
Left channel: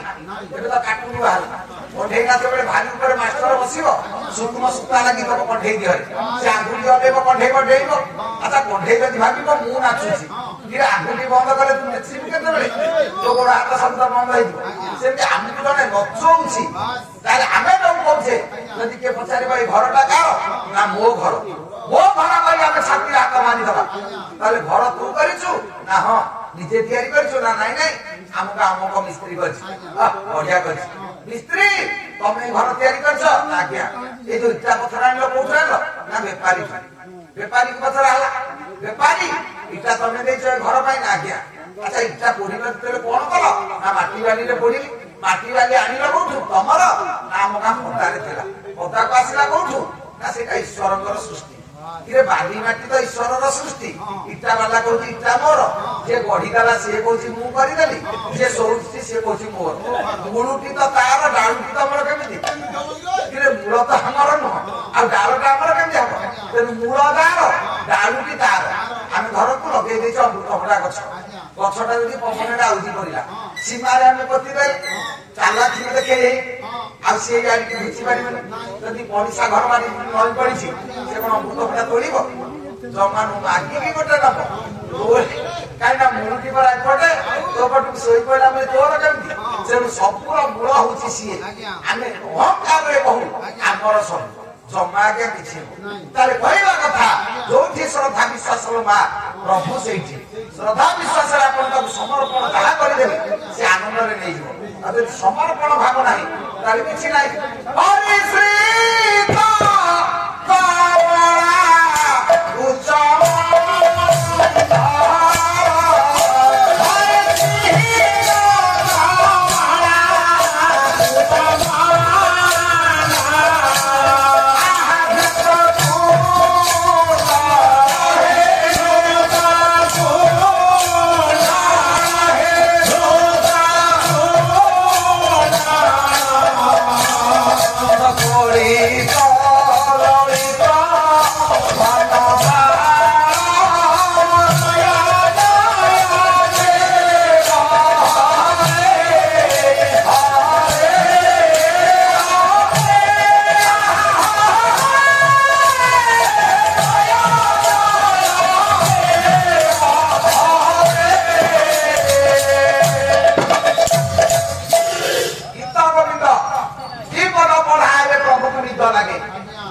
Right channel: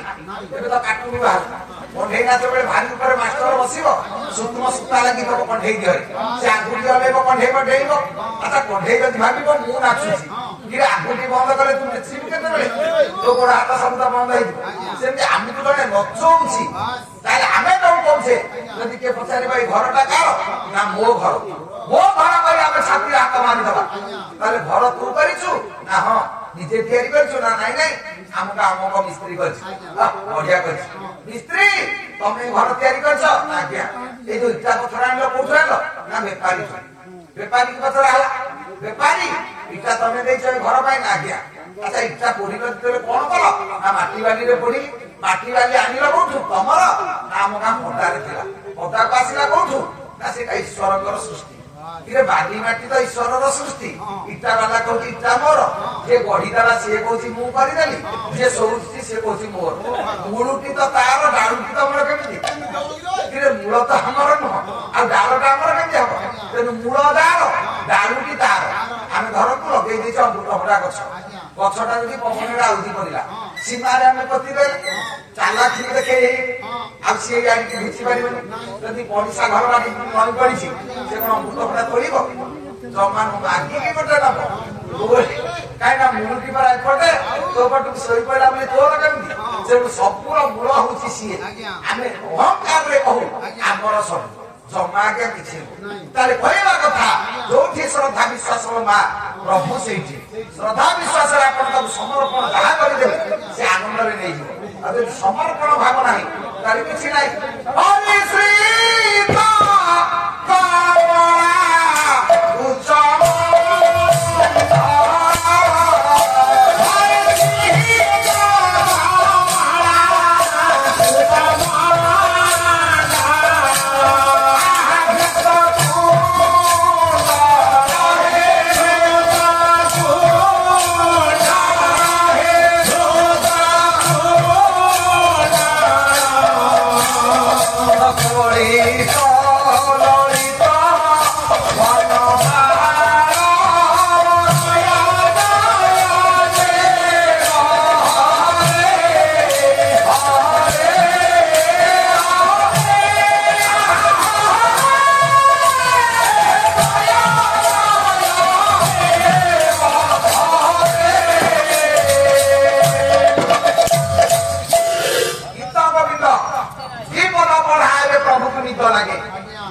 ଏବେ ତ କାଟୁନି ବାହାରୁ। କଣ୍ଢେଇ ନାଚ ବେଳେ ଭାରି ଉପରେ ମାଷ୍ଟର ବସିବ ସୂକ୍ଷ୍ମ ସୂତା ଲାଗି ତମ କଣ୍ଢେଇ ଦିହରେ ସେ ଆଙ୍ଗୁଠି ହଲେଇବ କଣ୍ଢେଇ ଡେଇବ। ଆଚ୍ଛା କଣ୍ଢେଇ ଯଦି ଭାବିବ ମୁଁ ନାଚୁଛି କିରେ ଆଙ୍ଗୁଠି ବନ୍ଦ କଲେ ତୁ ନାଚିବୁ କେତେବେଳେ? ତୋ ଗୋଡ ହାତ ସବୁ ତ ବନ୍ଦ ହେଇଯିବ। ସେମିତି ଆମକୁ ଜଣେ ନଚଉଛି ତାହେଲେ ଆମେ କଣ କରୁଛେ? ଯଦି କିଏ ପଚାରିବ ଏଇ ଘରଟା କାହାର? ନା ମୋ ଘର। ମୋ ଘର କରି ଆମେ ଛାତିରେ ହାତ ମାରିଦବା। ତାହେଲେ ଘର ତୁ କରିଛୁ? ନା ହଁ ନିଜେ ତିଆରି କରିଛୁ? ନା ନାଇଁ ନାଇଁ ଆମକୁ ଆମକ ମିସ୍ତ୍ରୀ କରିଛି। ବଢିଆ କରିଛି। ମିସ୍ତ୍ରୀ ତମେ ଘର ତିଆରି କରିଛ? ଆଜ୍ଞା। ଏଇ ଯୋଉ ଇଟା ପଥର ଆଣିଲ କୋଉଠୁ ଆଣିଲ? ନା ବେପାରୀ। ବେପାରୀ ପଥର ହେଲା। ବେପାରୀ ଇଟା ତମେ ଦେଇଛ ଏ ଘର ପାଇଁ? ନା ଆଜ୍ଞା। ଆଚ୍ଛା ଇଟା ପୋଡିଲ ଯେତେବେଳେ କଣ କଲ? ନା ମାଟି ବାଲିରେ ପୋଡିଲି। ମାଟି ବାଲି ଆଣିଲ କୋଉଠୁ? ତମର? ନା ଆମ ଗାଁ ପଦାରେ ଥିଲା। ପଦାକୁ ଆସିଲା କୋଉଠୁ? ନା ସେଇଟା ଈଶ୍ୱରଙ୍କର ସୃଷ୍ଟି। ଇରେ ବାଲି ମାଟି ତ ଈଶ୍ୱରର ସୃଷ୍ଟି। ଇଟା ବାଲା କହୁଛି ଇଟା ମୋର, ଯିଏ ଗଢିଦେଲା ସିଏ କହୁଛି ମୁଁ କରିଦେଲି, ଯିଏ ଶୋଉଛି ସିଏ କହୁଛି ମୋର। ମୂଳଟି ତ ତାର, ଡାଳୁଟି ତମର କେମିତି? ଇରେ ମୂଳ ତ ଆମର ନୁହଁ ଆଉ ଡାଳଟା ଆମର କେମିତି ହବ? ତେଣୁ ମୂଳ ତାର, ଡାଳୁଟି ତାର। ଆମେ ଘରକୁ ଲଗେଇ ଦେଇଛୁ ଅମୃତଭଣ୍ଡା ଗଛ। ଗଛଟା ଯଦି ପବନରେ ଆଉଜି ପଡିଲା ସୀମାରେ ଆମେ ପୋତିଦେଲେ ଚାଲାକି ଦେଖେଇ ଆଉ ସିଏ ଆଣିକି ବୁଝି ପାରିବନି। ଯଦି ପଡିଶା ଘର ବାଡ଼ି ନଈ ପଡିଛି ସେ କଣ ଅମୃତଭଣ୍ଡା ତୋଳିବ? ଜମା ମାଗିକି ଗୋଟେ ନବ। କାହିଁକି ନା ମୁଳୁଟି ପରା ଏପଟେ ତୋ ପଟକୁ ଶୋଇପଡା ଆମେ ତୋର କେମିତି? ତେଣୁ ସବୁର ମୂଳ ହଉଛି ସିଏ। ଆମେ ଅହଙ୍କାରରେ କହୁ ଆମର ସବୁ ଜମା ଆଜ୍ଞା କିଛି ନୁହଁ। ତାହେଲେ କହିବା କଥା ଯୋଉଠି ଶ୍ରଦ୍ଧା ବିଶ୍ୱାସ ମା ପ୍ରଭୁ ସେଇଠି। ଶ୍ରଦ୍ଧା ବିଶ୍ୱାସରେ ଆପଣ ତାକୁ ସମର୍ପଣ ଯାହା କରିଦେବେ ସେ ଆନନ୍ଦରେ ନେଇଯିବ। ଆଉ ଯଦି ସମର୍ପଣ ଭାବ ନାହିଁ ତାହେଲେ କିଛି ନାହିଁ।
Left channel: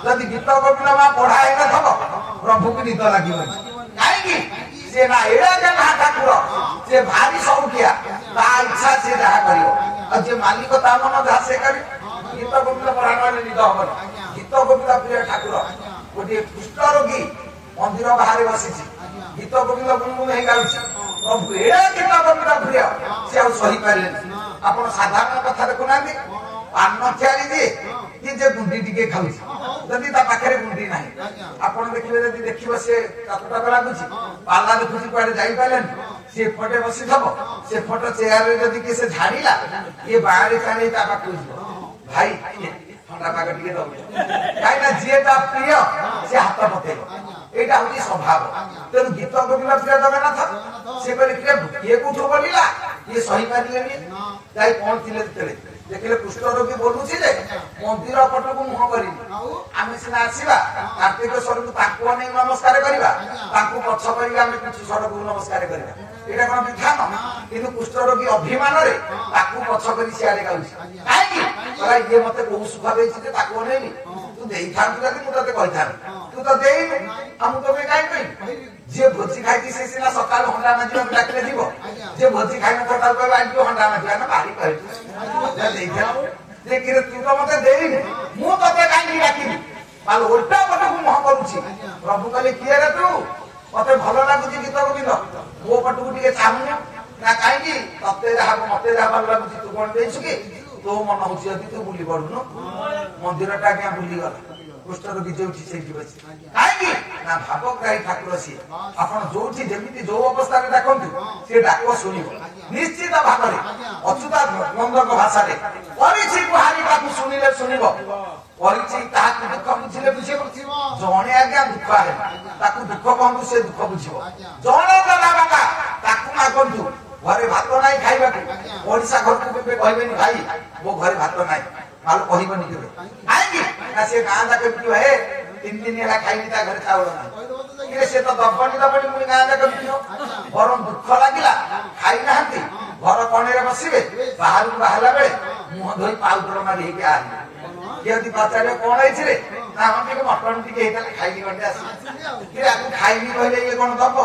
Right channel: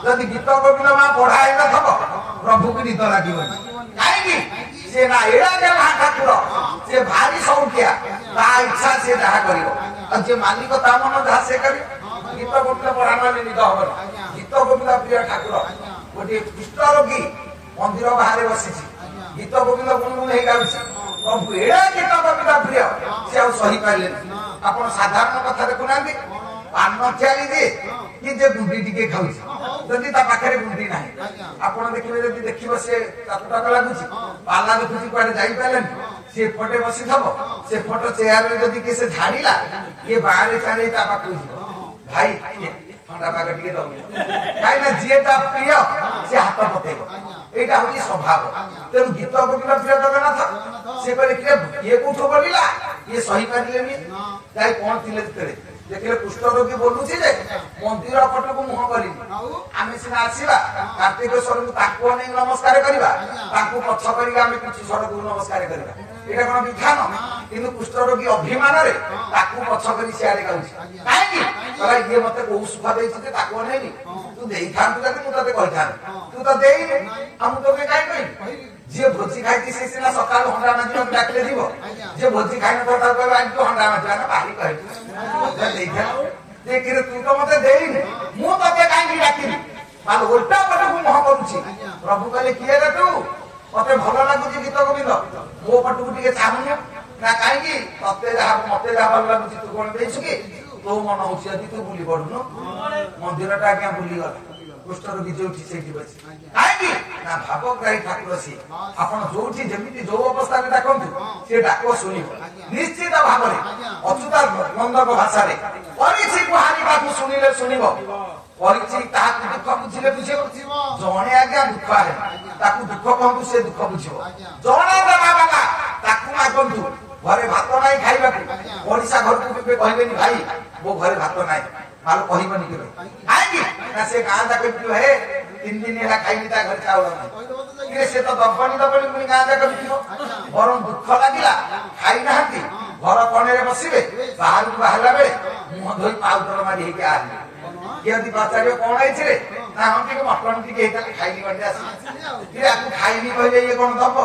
ଯଦି ଗୀତ ଗୋବିନ୍ଦ ମା ପଢା ହେଇନଥିବ ପ୍ରଭୁକୁ ନିଦ ଲାଗିବନି। କାହିଁକି? ସେ ନା ଏଡ଼େ ମା ଠାକୁର, ସେ ଭାରି ସଉକିଆ, ତା ଇଚ୍ଛା ସେ ଯାହା କରିବ। ଆଉ ଯିଏ ମାଲିକ ତା ମନ ଯାହା ସେ କରିବ। ଗୀତ ଗୋବିନ୍ଦ ପଢା ମାନେ ନିଦ ହବନି। ଗୀତ ଗୋବିନ୍ଦ ପ୍ରିୟ ଠାକୁର। ଗୋଟିଏ କୁଷ୍ଠ ରୋଗୀ ମନ୍ଦିର ବାହାରେ ବସିଛି, ଗୀତ ଗୋବିନ୍ଦ ଗୁଣଗୁଣ ହେଇଯାଉଛି। ପ୍ରଭୁ ଏଡ଼େ ଗୀତ ଗୋବିନ୍ଦ ପ୍ରିୟ ସେ ଆଉ ସହିପାରିଲେନି। ଆପଣ ସାଧାରଣ କଥା ଦେଖୁନାହାନ୍ତି, ପାନ ତିଆରି ଦିଏ କି ଯେ ଗୁଣ୍ଡି ଟିକେ ଖାଉଛି, ଯଦି ତା ପାଖରେ ଗୁଣ୍ଡି ନାହିଁ ଆପଣ ଦେଖିବେ, ଯଦି ଦେଖିବ ସେ ତାକୁ ଲାଗୁଛି ପାଲା ଦେଖୁଛି କୁଆଡେ ଯାଇପାରିଲେନି, ସେ ଏପଟେ ବସିଥବ, ସେପଟ ଚେୟାରରେ ଯଦି କିଏ ସେ ଝାଡ଼ିଲା କିଏ ବାହାରେ ଛାଡ଼ି ତା ପାଖକୁ ଯିବ, ଭାଇ ଥଣ୍ଡା ପାଗ ଟିକେ ଦବ, କାହିଁକିନା ଯିଏ ତା ପ୍ରିୟ ସେ ହାତ ପକେଇବ। এইটা হচ্ছে স্বভাব। তেমন গীত কবিলা প্রিয় জগন্নাথ সে কলে কিଏ কোଠୁ ବୋଲିଲା ଇଏ ସହିପାରିଲେନି ଯାଇ ପହଞ୍ଚିଲେ ଭିତରେ ଦେଖିଲେ କୁଷ୍ଠ ରୋଗୀ ବୋଲୁଛି ଯେ ମନ୍ଦିର ପଟକୁ ମୁହଁ କରିବି ଆମେ ସିନା ଆସିବା କାର୍ତ୍ତିକେଶ୍ୱରଙ୍କୁ ତାଙ୍କୁ ଅନେଇ ନମସ୍କାର କରିବା ତାଙ୍କୁ ପଛ କରିକି ଆମେ କିଛି ସ୍ୱରକୁ ନମସ୍କାର କରିବା ଏଇଟା କଣ ବିଧାନ? କିନ୍ତୁ କୁଷ୍ଠ ରୋଗୀ ଅଭିମାନରେ ତାକୁ ପଛ କରି ସିଆଡେ ଗାଉଛି କାହିଁକି? ଇଏ ମତେ କୋଉ ସୁଖ ଦେଇଛି ଯେ ତାକୁ ଅନେଇନି ତୁ ଦେଇଥାନ୍ତୁ ଯଦି ମୁଁ ତତେ କହିଥାନ୍ତି ତୁ ତ ଦେଇନି ଆଉ ମୁଁ ତତେ କାହିଁ କହିବି? ଯିଏ ଭୋଜି ଖାଇଛି ସେ ସିନା ସକାଳୁ ହଣ୍ଡା ମାଜିବାକୁ ଡାକିଲେ ଯିବ ଯିଏ ଭୋଜି ଖାଇନଥିବ ତାକୁ କହିବ ଆଜି ହଣ୍ଡା ମାଜିବା ନା ବାହାରି କହିବୁ ଯେ ତୁ ତ ମତେ ଦେଇନି ମୁଁ ତତେ କାହିଁକି ଡାକିବି? ତାହେଲେ ଓଲଟା ପଟକୁ ମୁହଁ କରୁଛି। ପ୍ରଭୁ କହିଲେ କିଏ ରେ ତୁ? ମତେ ଭଲ ଲାଗୁଛି ଗୀତ ଗୋବିନ୍ଦ ମୋ ପଟକୁ ଟିକେ ଚାହୁଁନି ନା କାହିଁକି? ମତେ ଯାହା ଭଲ ଲାଗୁଛି ତୁ କଣ ଦେଇଛୁ କି? ତୋ ମନ ହଉଛି ଯଦି ତୁ ବୁଲି ପଡୁନୁ ମନ୍ଦିରଟା ଆଜ୍ଞା ବୁଲିଗଲା କୁଷ୍ଠ ରୋଗୀ ଯୋଉଠି ସେଇଠି ବସି କାହିଁକି ନା ଭାବଗ୍ରାହୀ ଠାକୁର ସିଏ। ଆପଣ ଯୋଉଠି ଯେମିତି ଯୋଉ ଅବସ୍ଥାରେ ଡାକନ୍ତୁ ସେ ଡାକ ଶୁଣିବ ନିଶ୍ଚିତ ଭାବରେ ଅଚ୍ୟୁତାନନ୍ଦଙ୍କ ଭାଷାରେ କରିଛି ଗୁହାରି ତାକୁ ଶୁଣିଲେ ଶୁଣିବ କରିଛି ତାହାକୁ ଦୁଃଖ ବୁଝିଲେ ବୁଝିବ। ଜଣେ ଆଜ୍ଞା ଦୁଃଖ ଆରେ ତାକୁ ଦୁଃଖ କହନ୍ତୁ ସେ ଦୁଃଖ ବୁଝିବ। ଜଣେ ଦେବା ବାବା ତାକୁ ମାଗନ୍ତୁ ଘରେ ଭାତ ନାହିଁ ଖାଇବାକୁ ଓଡିଶା ଘରକୁ କେବେ କହିବେନି ଭାଇ ମୋ ଘରେ ଭାତ ନାହିଁ ମାଲ କହିବନି କେବେ କାହିଁକି ନା ସେ ଗାଁ ଯାକ ବିକିବ ହେ 3 ଦିନ ହେଲା ଖାଇନି ତା ଘରେ ଚାଉଳ ନାହିଁ ସେ ତ ଦବନି ପୁଣି ଗାଁ ଯାକ ବିକିବ। ବରଂ ଦୁଃଖ ଲାଗିଲା ଖାଇନାହାନ୍ତି ଘର କଣରେ ବସିବେ ବାହାରକୁ ବାହାରିଲା ବେଳେ ମୁହଁ ଧୋଇ ପାଉଡର ମାରି ହେଇକି ଆସିବେ କିଏ ଯଦି ପଚାରିବ କଣ ହେଇଛି ରେ ନା ହଁ ଟିକେ ମଟନ ଟିକେ ହେଇଥିଲା ଖାଇନି ବାଟି ଆସିଲେ ଆକୁ ଖାଇନି କହିଲେ ଇଏ କଣ ଦବ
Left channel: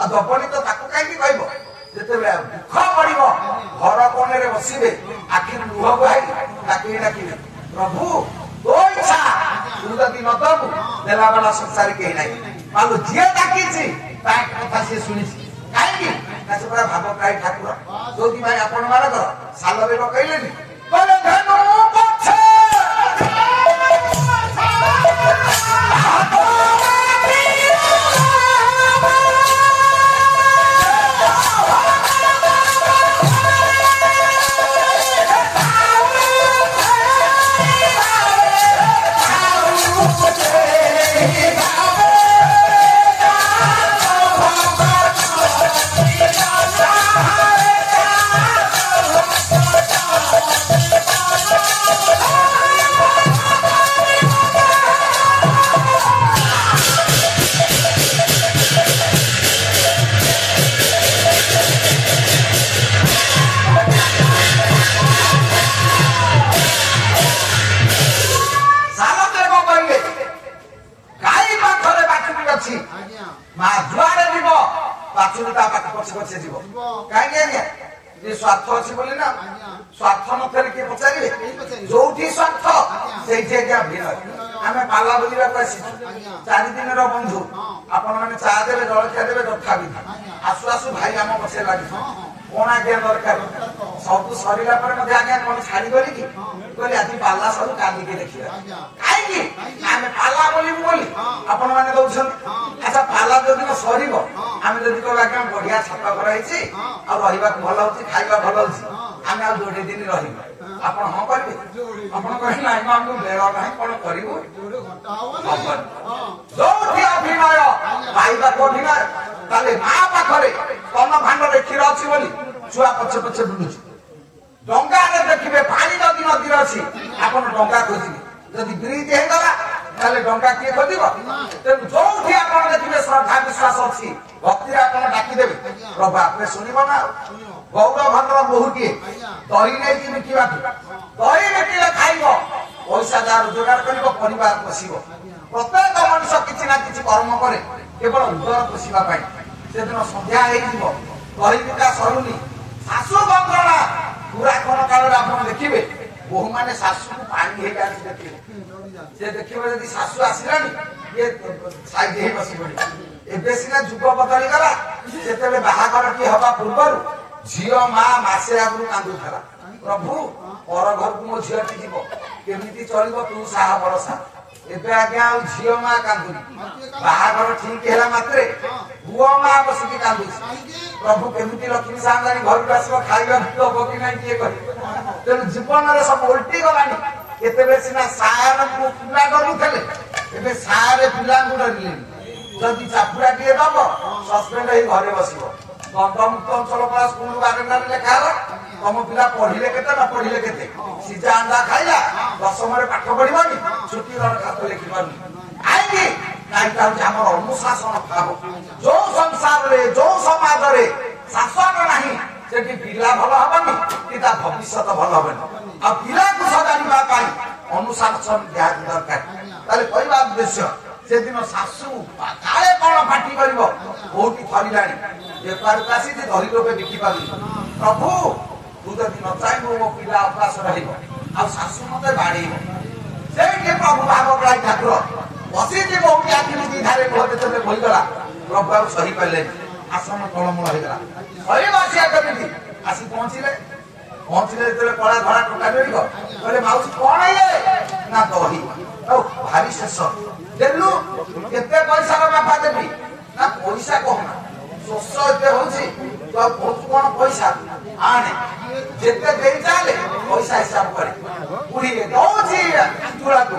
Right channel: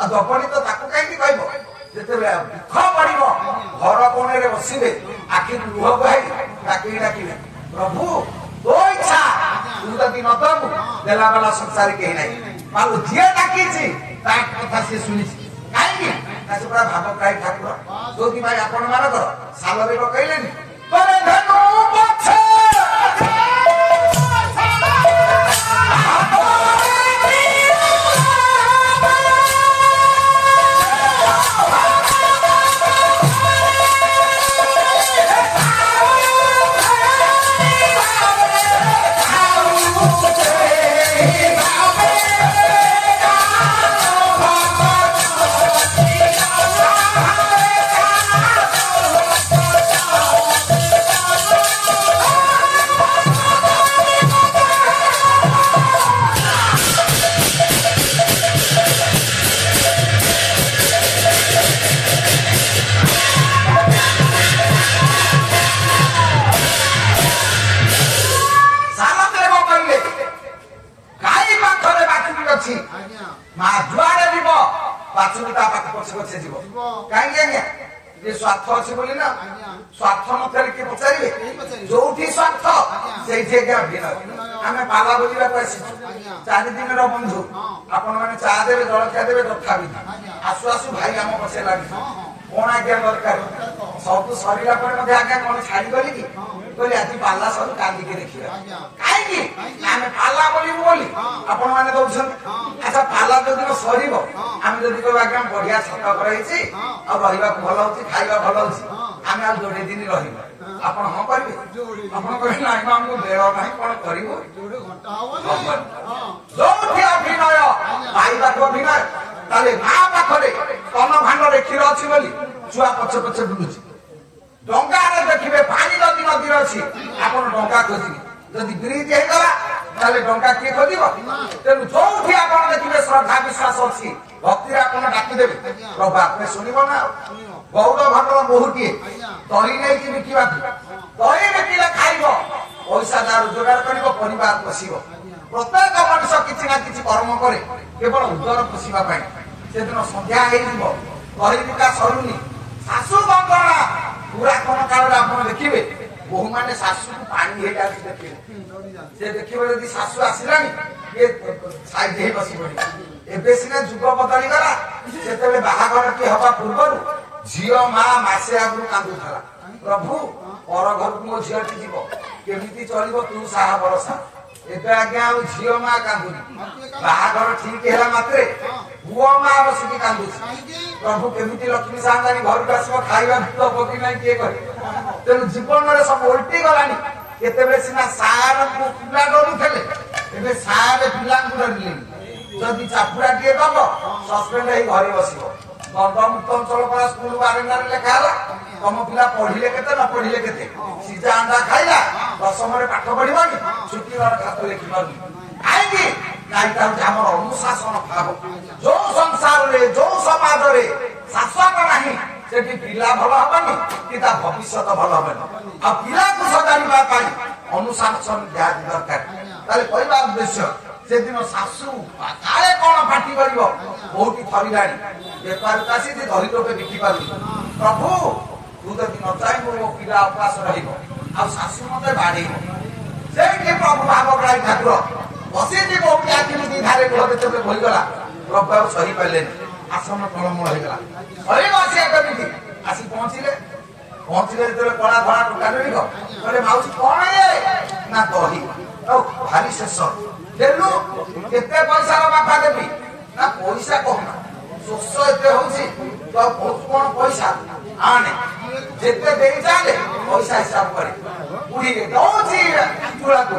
ଆଉ ଦବନି ତ ତାକୁ କାହିଁକି କହିବ? ଯେତେବେଳେ ଦୁଃଖ ପଡିବ ଘର କୋଣରେ ବସିବେ ଆଖିରୁ ଲୁହ ବହାଇ ଡାକିବେ ପ୍ରଭୁ ତୋ ଇଚ୍ଛା ତୁ ଯଦି ନ ଦବୁ ଦେଲା ବାଲା ସଂସାର କେହି ନାହିଁ। ଆଉ ଯିଏ ଡାକିଛି ତା କଥା ସିଏ ଶୁଣିଛି କାହିଁକି ନା ସେ ପୁରା ଭାବଗ୍ରାହୀ ଠାକୁର। ଯୋଉଥିପାଇଁ ଆପଣ ମାନଙ୍କର ସାଲରେ ପକେଇଲେନି ମା ଯୁଆଡେ ଯିବ ବାଛୁରୀ ତା ପାଖ ପଛେ ପଛେ ଯିବ କାହିଁକି ଆଜ୍ଞା ଯେ ସ୍ୱାର୍ଥ ଅଛି ବୋଲି ନା। ସ୍ୱାର୍ଥ ନଥିଲେ କିଏ ପଚାରିବେ? ଯୋଉଠି ସ୍ୱାର୍ଥ ସେଇଠି ଆଜ୍ଞା ଭିଡ଼। ଆମେ ପାଲା ବୁଲିବାକୁ ଆସିଛୁ 4 ଦିନର ବନ୍ଧୁ ଆପଣ ମାନେ ଚା ଦେବେ ଜଳଖିଆ ଦେବେ ତଥାପି ଆସୁ ଆସୁ ଭାଇ ଆମ ପଛେ ଲାଗିଛୁ କଣ ଆଜ୍ଞା ଦରକାର ସବୁ ସରିଲା ପରେ ମଧ୍ୟ ଆଜ୍ଞା କଣ ଛାଡିଗଲି କି କହିଲେ ଆଜି ପାଲା ସରୁ କାନ୍ଦିକି ଦେଖିବା କାହିଁକି ଆମେ ପାଲା ବୋଲିବୁ ବୋଲି ଆପଣ ମାନେ ଦଉଛନ୍ତି। ଆଚ୍ଛା ପାଲା ଯୋଉଦିନ ସରିବ ଆମେ ଯଦି କହିବା ଆଜ୍ଞା ବଢିଆ ଛକ କରାହେଇଛି ଆଉ ରହିବାକୁ ଭଲ ହଉଛି ଖାଇବା ଭଲ ହଉଛି ଆମେ ଆଉ ଯୋଡେ ଦିନ ରହିବୁ ଆପଣ ହଁ କରିବେ? ଆପଣ କହିଲେ ନାଇଁ ଆମକୁ ବେଳ ନାହିଁ କଣ କରିବୁ? ଯୋଉଠି ଅଭିନୟ ଭାଇବାକୁ ଅଭିନୟ ତାହେଲେ ମା ପାଖରେ ତନ ଭାଣ୍ଡରେ କ୍ଷୀର ଅଛି ବୋଲି ଛୁଆ ପଛେ ପଛେ ବୁଲୁଛି। ଡଙ୍ଗାରେ ଦେଖିବେ ପାଣି ଯଦି ନଦୀରେ ଅଛି ଆପଣ ଡଙ୍ଗା ଖୋଜିବେ ଯଦି ବ୍ରିଜ ହେଇଗଲା ତାହେଲେ ଡଙ୍ଗା କିଏ ଖୋଜିବ? ତେଣୁ ଯୋଉଠି ଆପଣ ଦେଖିବେ ଶ୍ରଦ୍ଧା ବିଶ୍ୱାସ ଅଛି ଭକ୍ତିରେ ଆପଣ ଡାକିଦେବେ ପ୍ରଭୁ ଆପଣ ଶୁଣିବ ନା। ଗୌର ଭଣ୍ଡର ବୋହୂଟିଏ ଦହି ନେଇକି ବିକିବାକୁ ଦହି ବିକିଲେ ଖାଇବ ପଇସା ଯାହା ରୋଜଗାର କରିବ ପରିବାର ପୋଷିବ। ପ୍ରତ୍ୟେକ ମଣିଷ କିଛି ନା କିଛି କର୍ମ କରେ କେବଳ ଉଦର ପୋଷିବା ପାଇଁ। ସେଦିନ ସନ୍ଧ୍ୟା ହେଇଯିବ ଦହି ବିକା ସରୁନି ଶାଶୁ ବନ୍ଦନା ପୁରାତନ କାଳରେ ଆପଣ ଦେଖିବେ ବୋହୂ ମାନେ ଶାଶୁକୁ ପାଣି ହେଇଯାଉଛି ଦେଖିବେ ସେ ଦେଖିବେ ଯଦି ଶାଶୁ ଆସିଲାଣି ଇଏ ସାଇଡ ହେଇ ବସି ପଡିବ। ଏବେ ସିନା ଯୁଗ ବଦଳିଗଲା ଯେତେବେଳେ ବାହାଘରଟି ହବା ପୂର୍ବରୁ ଝିଅ ମା ମାସେ ଆଗରୁ କାନ୍ଦୁଥିଲା ପ୍ରଭୁ ପର ଘରକୁ ମୋ ଝିଅଟି ଯିବ କେମିତି ଚଳିବ ତୁ ସାହା ଭରସା। ଏବେ ଆଜ୍ଞା ଆଉ ଝିଅ ମା କାନ୍ଦୁନି ବାହାଘର ଠିକ ହେଲା ମାତ୍ରେ ପୁଅ ମା ବସିକି କାନ୍ଦୁଛି ପ୍ରଭୁ କେମିତି ଲକ୍ଷ୍ମୀ ସାନ୍ତାଣୀ ଘରକୁ ଆସିବ ଖାଇବା ଦବ କି ନାହିଁ କିଏ କରିବ। ତେଣୁ ଜୀବନରେ ସବୁ ଓଲଟି ଗଲାଣି। କେତେବେଳେ ସିନା ସାର ପିଲା ଡରୁଥିଲେ ଏବେ ସାରେ ପିଲାଙ୍କୁ ଡରିଲେଣି ଯଦି ଚାପୁଡା ଟିଏ ଦବ ସସ୍ପେଣ୍ଡ ହେଇ ଘରେ ବସିବ। ଦଣ୍ଡମୁକ୍ତ ଅଞ୍ଚଳ ପରା ସ୍କୁଲ ବାରଣ୍ଡାରେ ଲେଖା ହେଲା ତମ ପିଲା ପଢିଲେ କେତେ ନ ପଢିଲେ କେତେ, ସିଝା ଅଣ୍ଡା ଖାଇଲା ଦଶମରେ ପାଠ ପଢିବନି, ଛୁଟି ଖାତ ଲେଖିବନି। କାହିଁକି? ଏଇଟା ହଉଛି ଆମର ଅନୁଶାସନ ଭାବ। ଯୋଉ ସଂସାରରେ ଯୋଉ ସମାଜରେ ଶାସନ ନାହିଁ ସେଠି ପିଲା ଭଲ ହବନି କି ତା ଭବିଷ୍ୟତ ଭଲ ହବନି। ଆଉ ପିଲାକୁ ସଜାଡ଼ିବା ପାଇଁ ଅନୁଶାସନ ନିହାତି ଦରକାର। ତାହେଲେ କହିବା ଉଦ୍ଦେଶ୍ୟ ସେଦିନ ଶାଶୁ କାଳେ କଣ ପାଟି କରିବ, କୋଉଠି ଥରିଲାଣି ବେପାରକୁ ଆସିଛି ଧରି ଲୋକେ ବିକି ପାରୁନି, ପ୍ରଭୁ ତୁ ଯଦି ନ ଚାହିଁବୁ ମୋ ପିଲା ଉପାସ ରହିବ ଆଉ ଶାଶୁ ମତେ ବାଡେଇବ। ସେଇଠି ପ୍ରଭୁ ଭାବଗ୍ରାହୀ ଠାକୁର ବସିଛି କୋଉଠି ଆଖିରୁ ଦି ଧାରେ ଲୁହ ଯେତେବେଳେ ବହିଗଲା ପ୍ରଭୁ ଆଉ ସହି ପାରିଲେନି, ଆଶ୍ରମ କଳମଳ ହେଇଗଲା। ସହି ବସିବା କେମିତି ଆସି ପହଞ୍ଚିଲେ ଯେତେବେଳେ କଳା ଧଳା ଟୋକା ମିଳିବ କହିଲେ ମାଉସୀ କଣ ଇଏ ନା ଦହି ଆଉ ଭାରି ଶେଷ ଦେଲୁ କେତେ ପଇସାର ବାପା ଦେବି ନା ପଇସା କହୁନା ଶୋଷ ଏତେ ହଉଛି ତୁ ଆଉ ବହୁତ କଣ ପଇସା ଆଣେ ଯେତେ ଦେଇ ଚାଲେ ପଇସା ହିସାବ କରେ ବୁଢୀରେ ଦଉଛି ଆଞ୍ଚୁଳାକୁ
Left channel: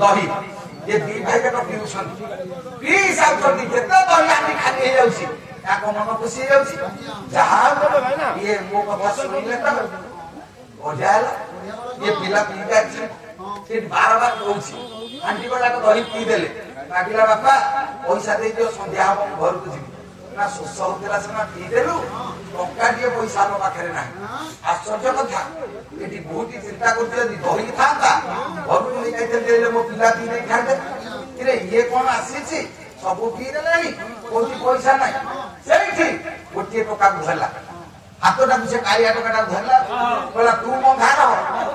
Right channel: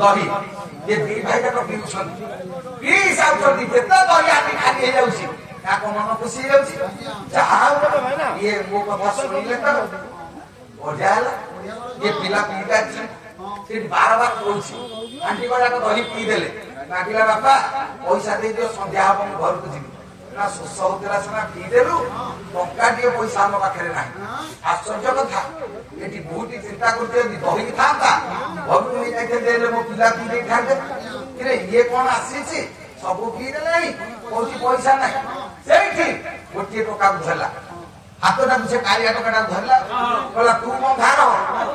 ଦହି ये दी भाई का पिउछन पी हिसाब कर दी जेते दही आनी खाली हे जाउची ताको मन खुशी हे जाउची जहां ये मो को सुनिले त ओझाला ये पिला पीता छी से बार-बार कहूची आंटी बड़ा को दही पी देले मागिला बापा पैसा दे दियो संध्या हम घर को जी ना सुस होतेला से ना पी देलु टंका दिए पैसा हम पाखरे नाही आश्चर्य कथा एटी बहुत चिंता करते दही थांता घर को नहीं जाइते देले मो पिला पी नहीं खाते किरे ये कोन आसीची सब पी देले कोठी पैसा नाही सेठी गोटे टका धरला हाथटा से कालिया टका धरला कहला तू मो धार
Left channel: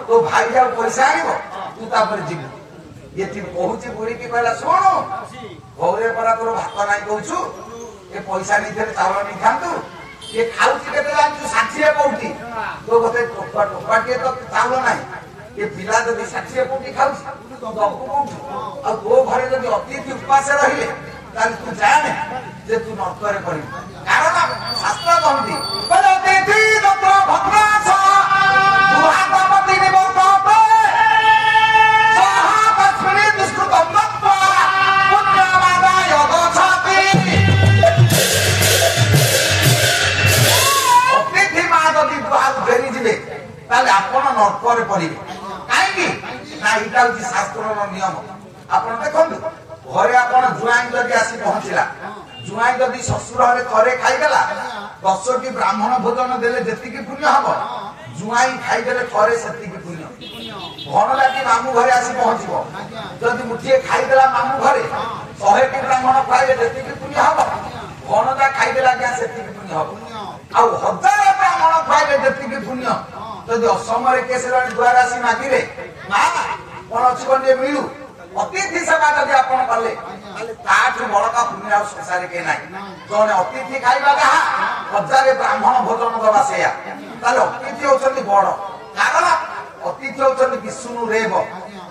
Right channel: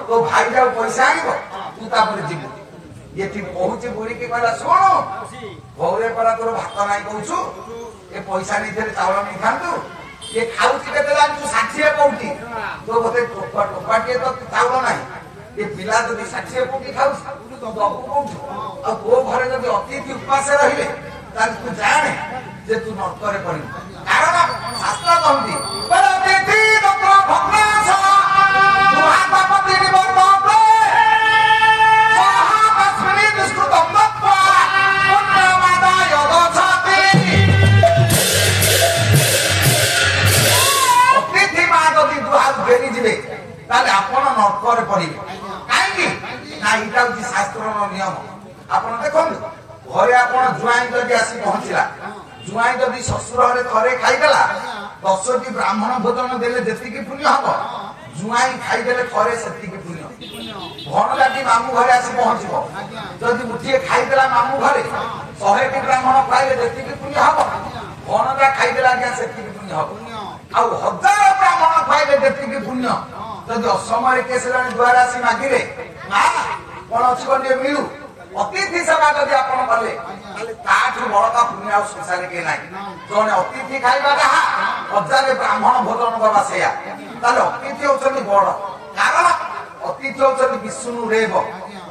तो भाई जाओ पैसा आनिबो तू तापर जिबु ये ती पहुंची बुढ़ी के कहला सुनो घरे परा तोर भात नाही कहूछु ये पैसा नहीं देले चावल नहीं खांतु ये खाउची केते लांचु 60 पौटी तो बोते टोपा के तो चावल नाही ये पिला जदि 60 पौटी खाउची तो दबु कोठु आ तो घरे जदि अतिथि उपास रहिले ताल तू जाने जे तू नर्तरे करी कारण शास्त्र कहती पर अतिथि नत्र भग्नाश महापति निवर्त नर्करे पड़े कहीं शास्त्र नियम आप देखो घरे आप जुआई जदि आसी पहुंचला जुआई जदि शशुर थे खाईदेला 10टी ब्राह्मण भोजन देले जेतिकी पुण्य हम जुआई खाईदेले थे से पुण्य भणजाटी मामू घरे आसी पहुंचब जदि मुठिए खाईदेला मामू घरे 100टी ब्राह्मण खाइले जेतिकी पुण्य हम भणजा खाईदेला क्या से पुण्य हम आ 1000 ब्राह्मण खाइले जेतिकी पुण्य जदि असमय केसर द्वारा आसी मागिले माँ कौन अच्छी कौन मिलू अतिथि सेवा जब आप कले बड़ा पुण्य संसार के ना जो अतिथि खाଇବା हजार ब्राह्मण भोजन दवा से अतिथि होती बड़ कारण अतिथि होती विष्णु रेव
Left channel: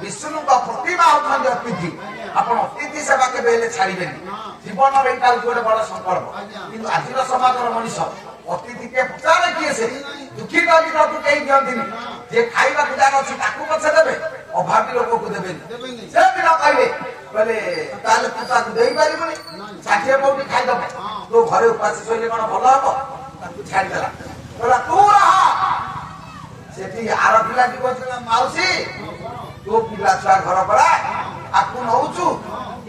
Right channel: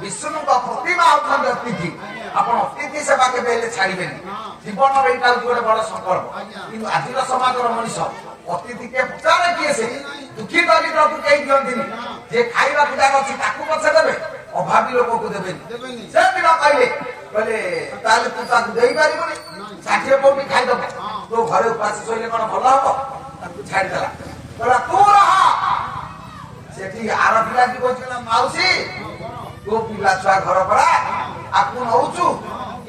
विष्णु प्रतिमा होती अतिथि आप अतिथि सेवा के छाड़े जीवन यहाँ गोटे बड़ संकल्प कि आज समाज मनीष अतिथि के पचारे किए से दुखी दरिद्र को कहीं दिखती जे खाइबा जार अच्छी पछे देवे अभावी लोक को देवे से भी न पाइबे बोले तू ताकू दे पारिबनी 60 पौटी खाइदब तो घरे उपास शोले कौन भल हम ताकू छाड़देला बोला तू रह से आर पिला की कहला माउसी तो पिला छुआ घर पड़ा आपको नौचु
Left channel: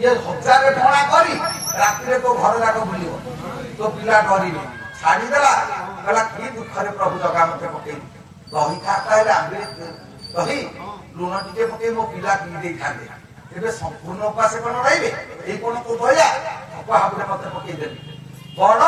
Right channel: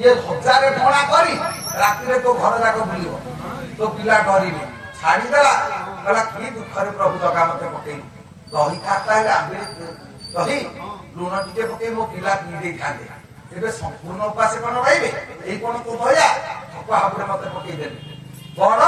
ये 1000 टणा करी राति तो घर जाक बुल तो पिला डरिले छाड़देला कहला कि दुखरे प्रभु जगह मत पकई दही खाता है आंबे दही लुण टे पकई मो पिला पी दे खाते तेरे संपूर्ण उपास कौन रही ये कौन तो दया थपा हाबुरे मत पकई देबे बड़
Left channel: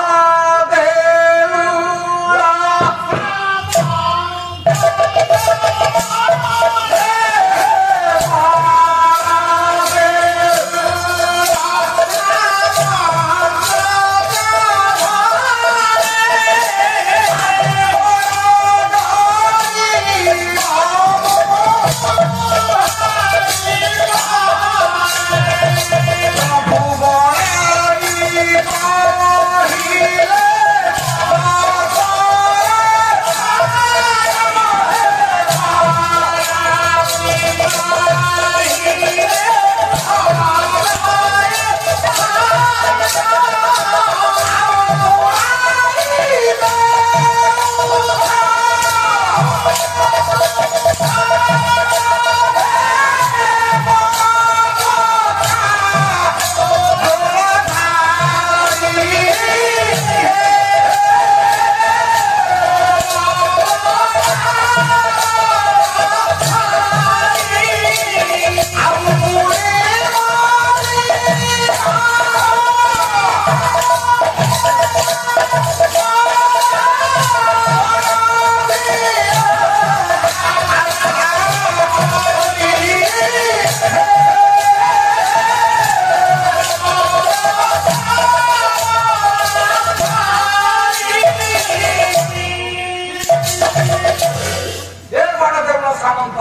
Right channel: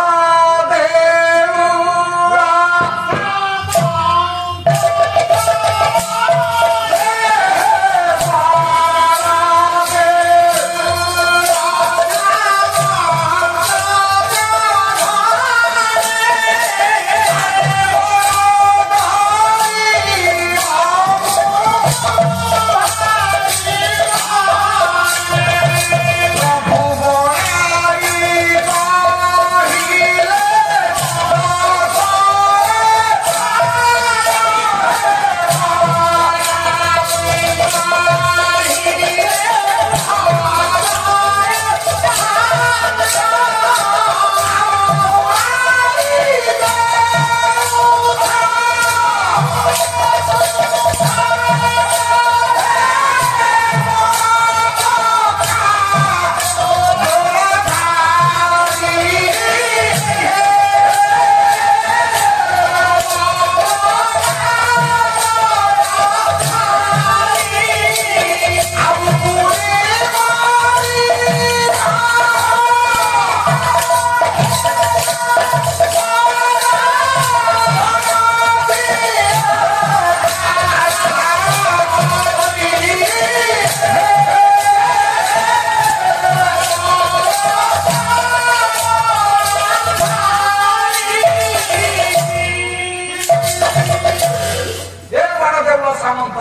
ସାମନ୍ତ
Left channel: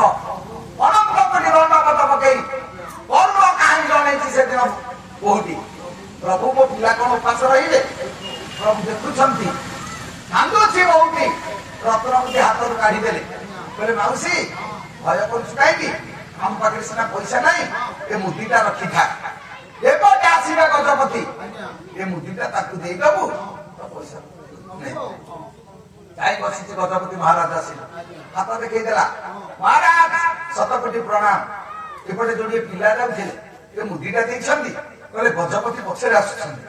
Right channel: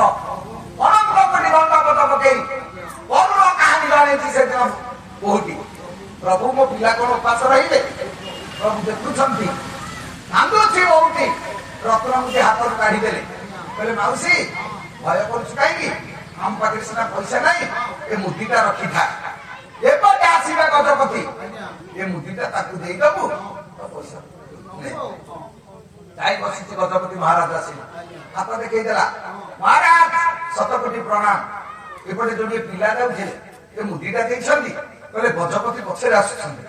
ଅନନ୍ତ କୋଟି ଦଣ୍ଡପତ ପକେଇ କରୁଣ କାହାଣୀ ଜଣେଇଛି ସେଦିନ କୋଉଠି ପ୍ରଭୁ ମୋ ପିଲା କଣ ଉପାସ ରହିବେ ପ୍ରଭୁ ଦେଖୁଛନ୍ତି କାନ୍ଦୁଛି ବହୁଟି ରତ୍ନମୁଦି ହାତରୁ କାଢିଦେଲେ କହିଲେ ମାଉସୀ ଭୟ କରୁଛୁ କାହିଁକି ଆମ ପାଖରେ ସିନା ପଇସା ନାହିଁ ଏ ମୁଦିଟା ରଖିଥା ଏପଟେ ଆସିବେ ଗଜପତି ଏ ମୁଦିଟା ତାକୁ ଦେଇଦବୁ ପଇସା ଯାଇ ବସିଛି ଗଜପତି ମହାରାଜ ଆସିଲେ ହାତ ଦେଖେଇଦେଲା ମହାରାଜ 7 କୋଟି ପ୍ରଣାମ ଏପଟେ ଯୋଉ ପିଲା ଯାଉଥିଲେ ଏ ମୁଦିଟା ଦେଇଛନ୍ତି କହିଲେ ଗଜପତି ପଛରେ ଆସୁଛନ୍ତି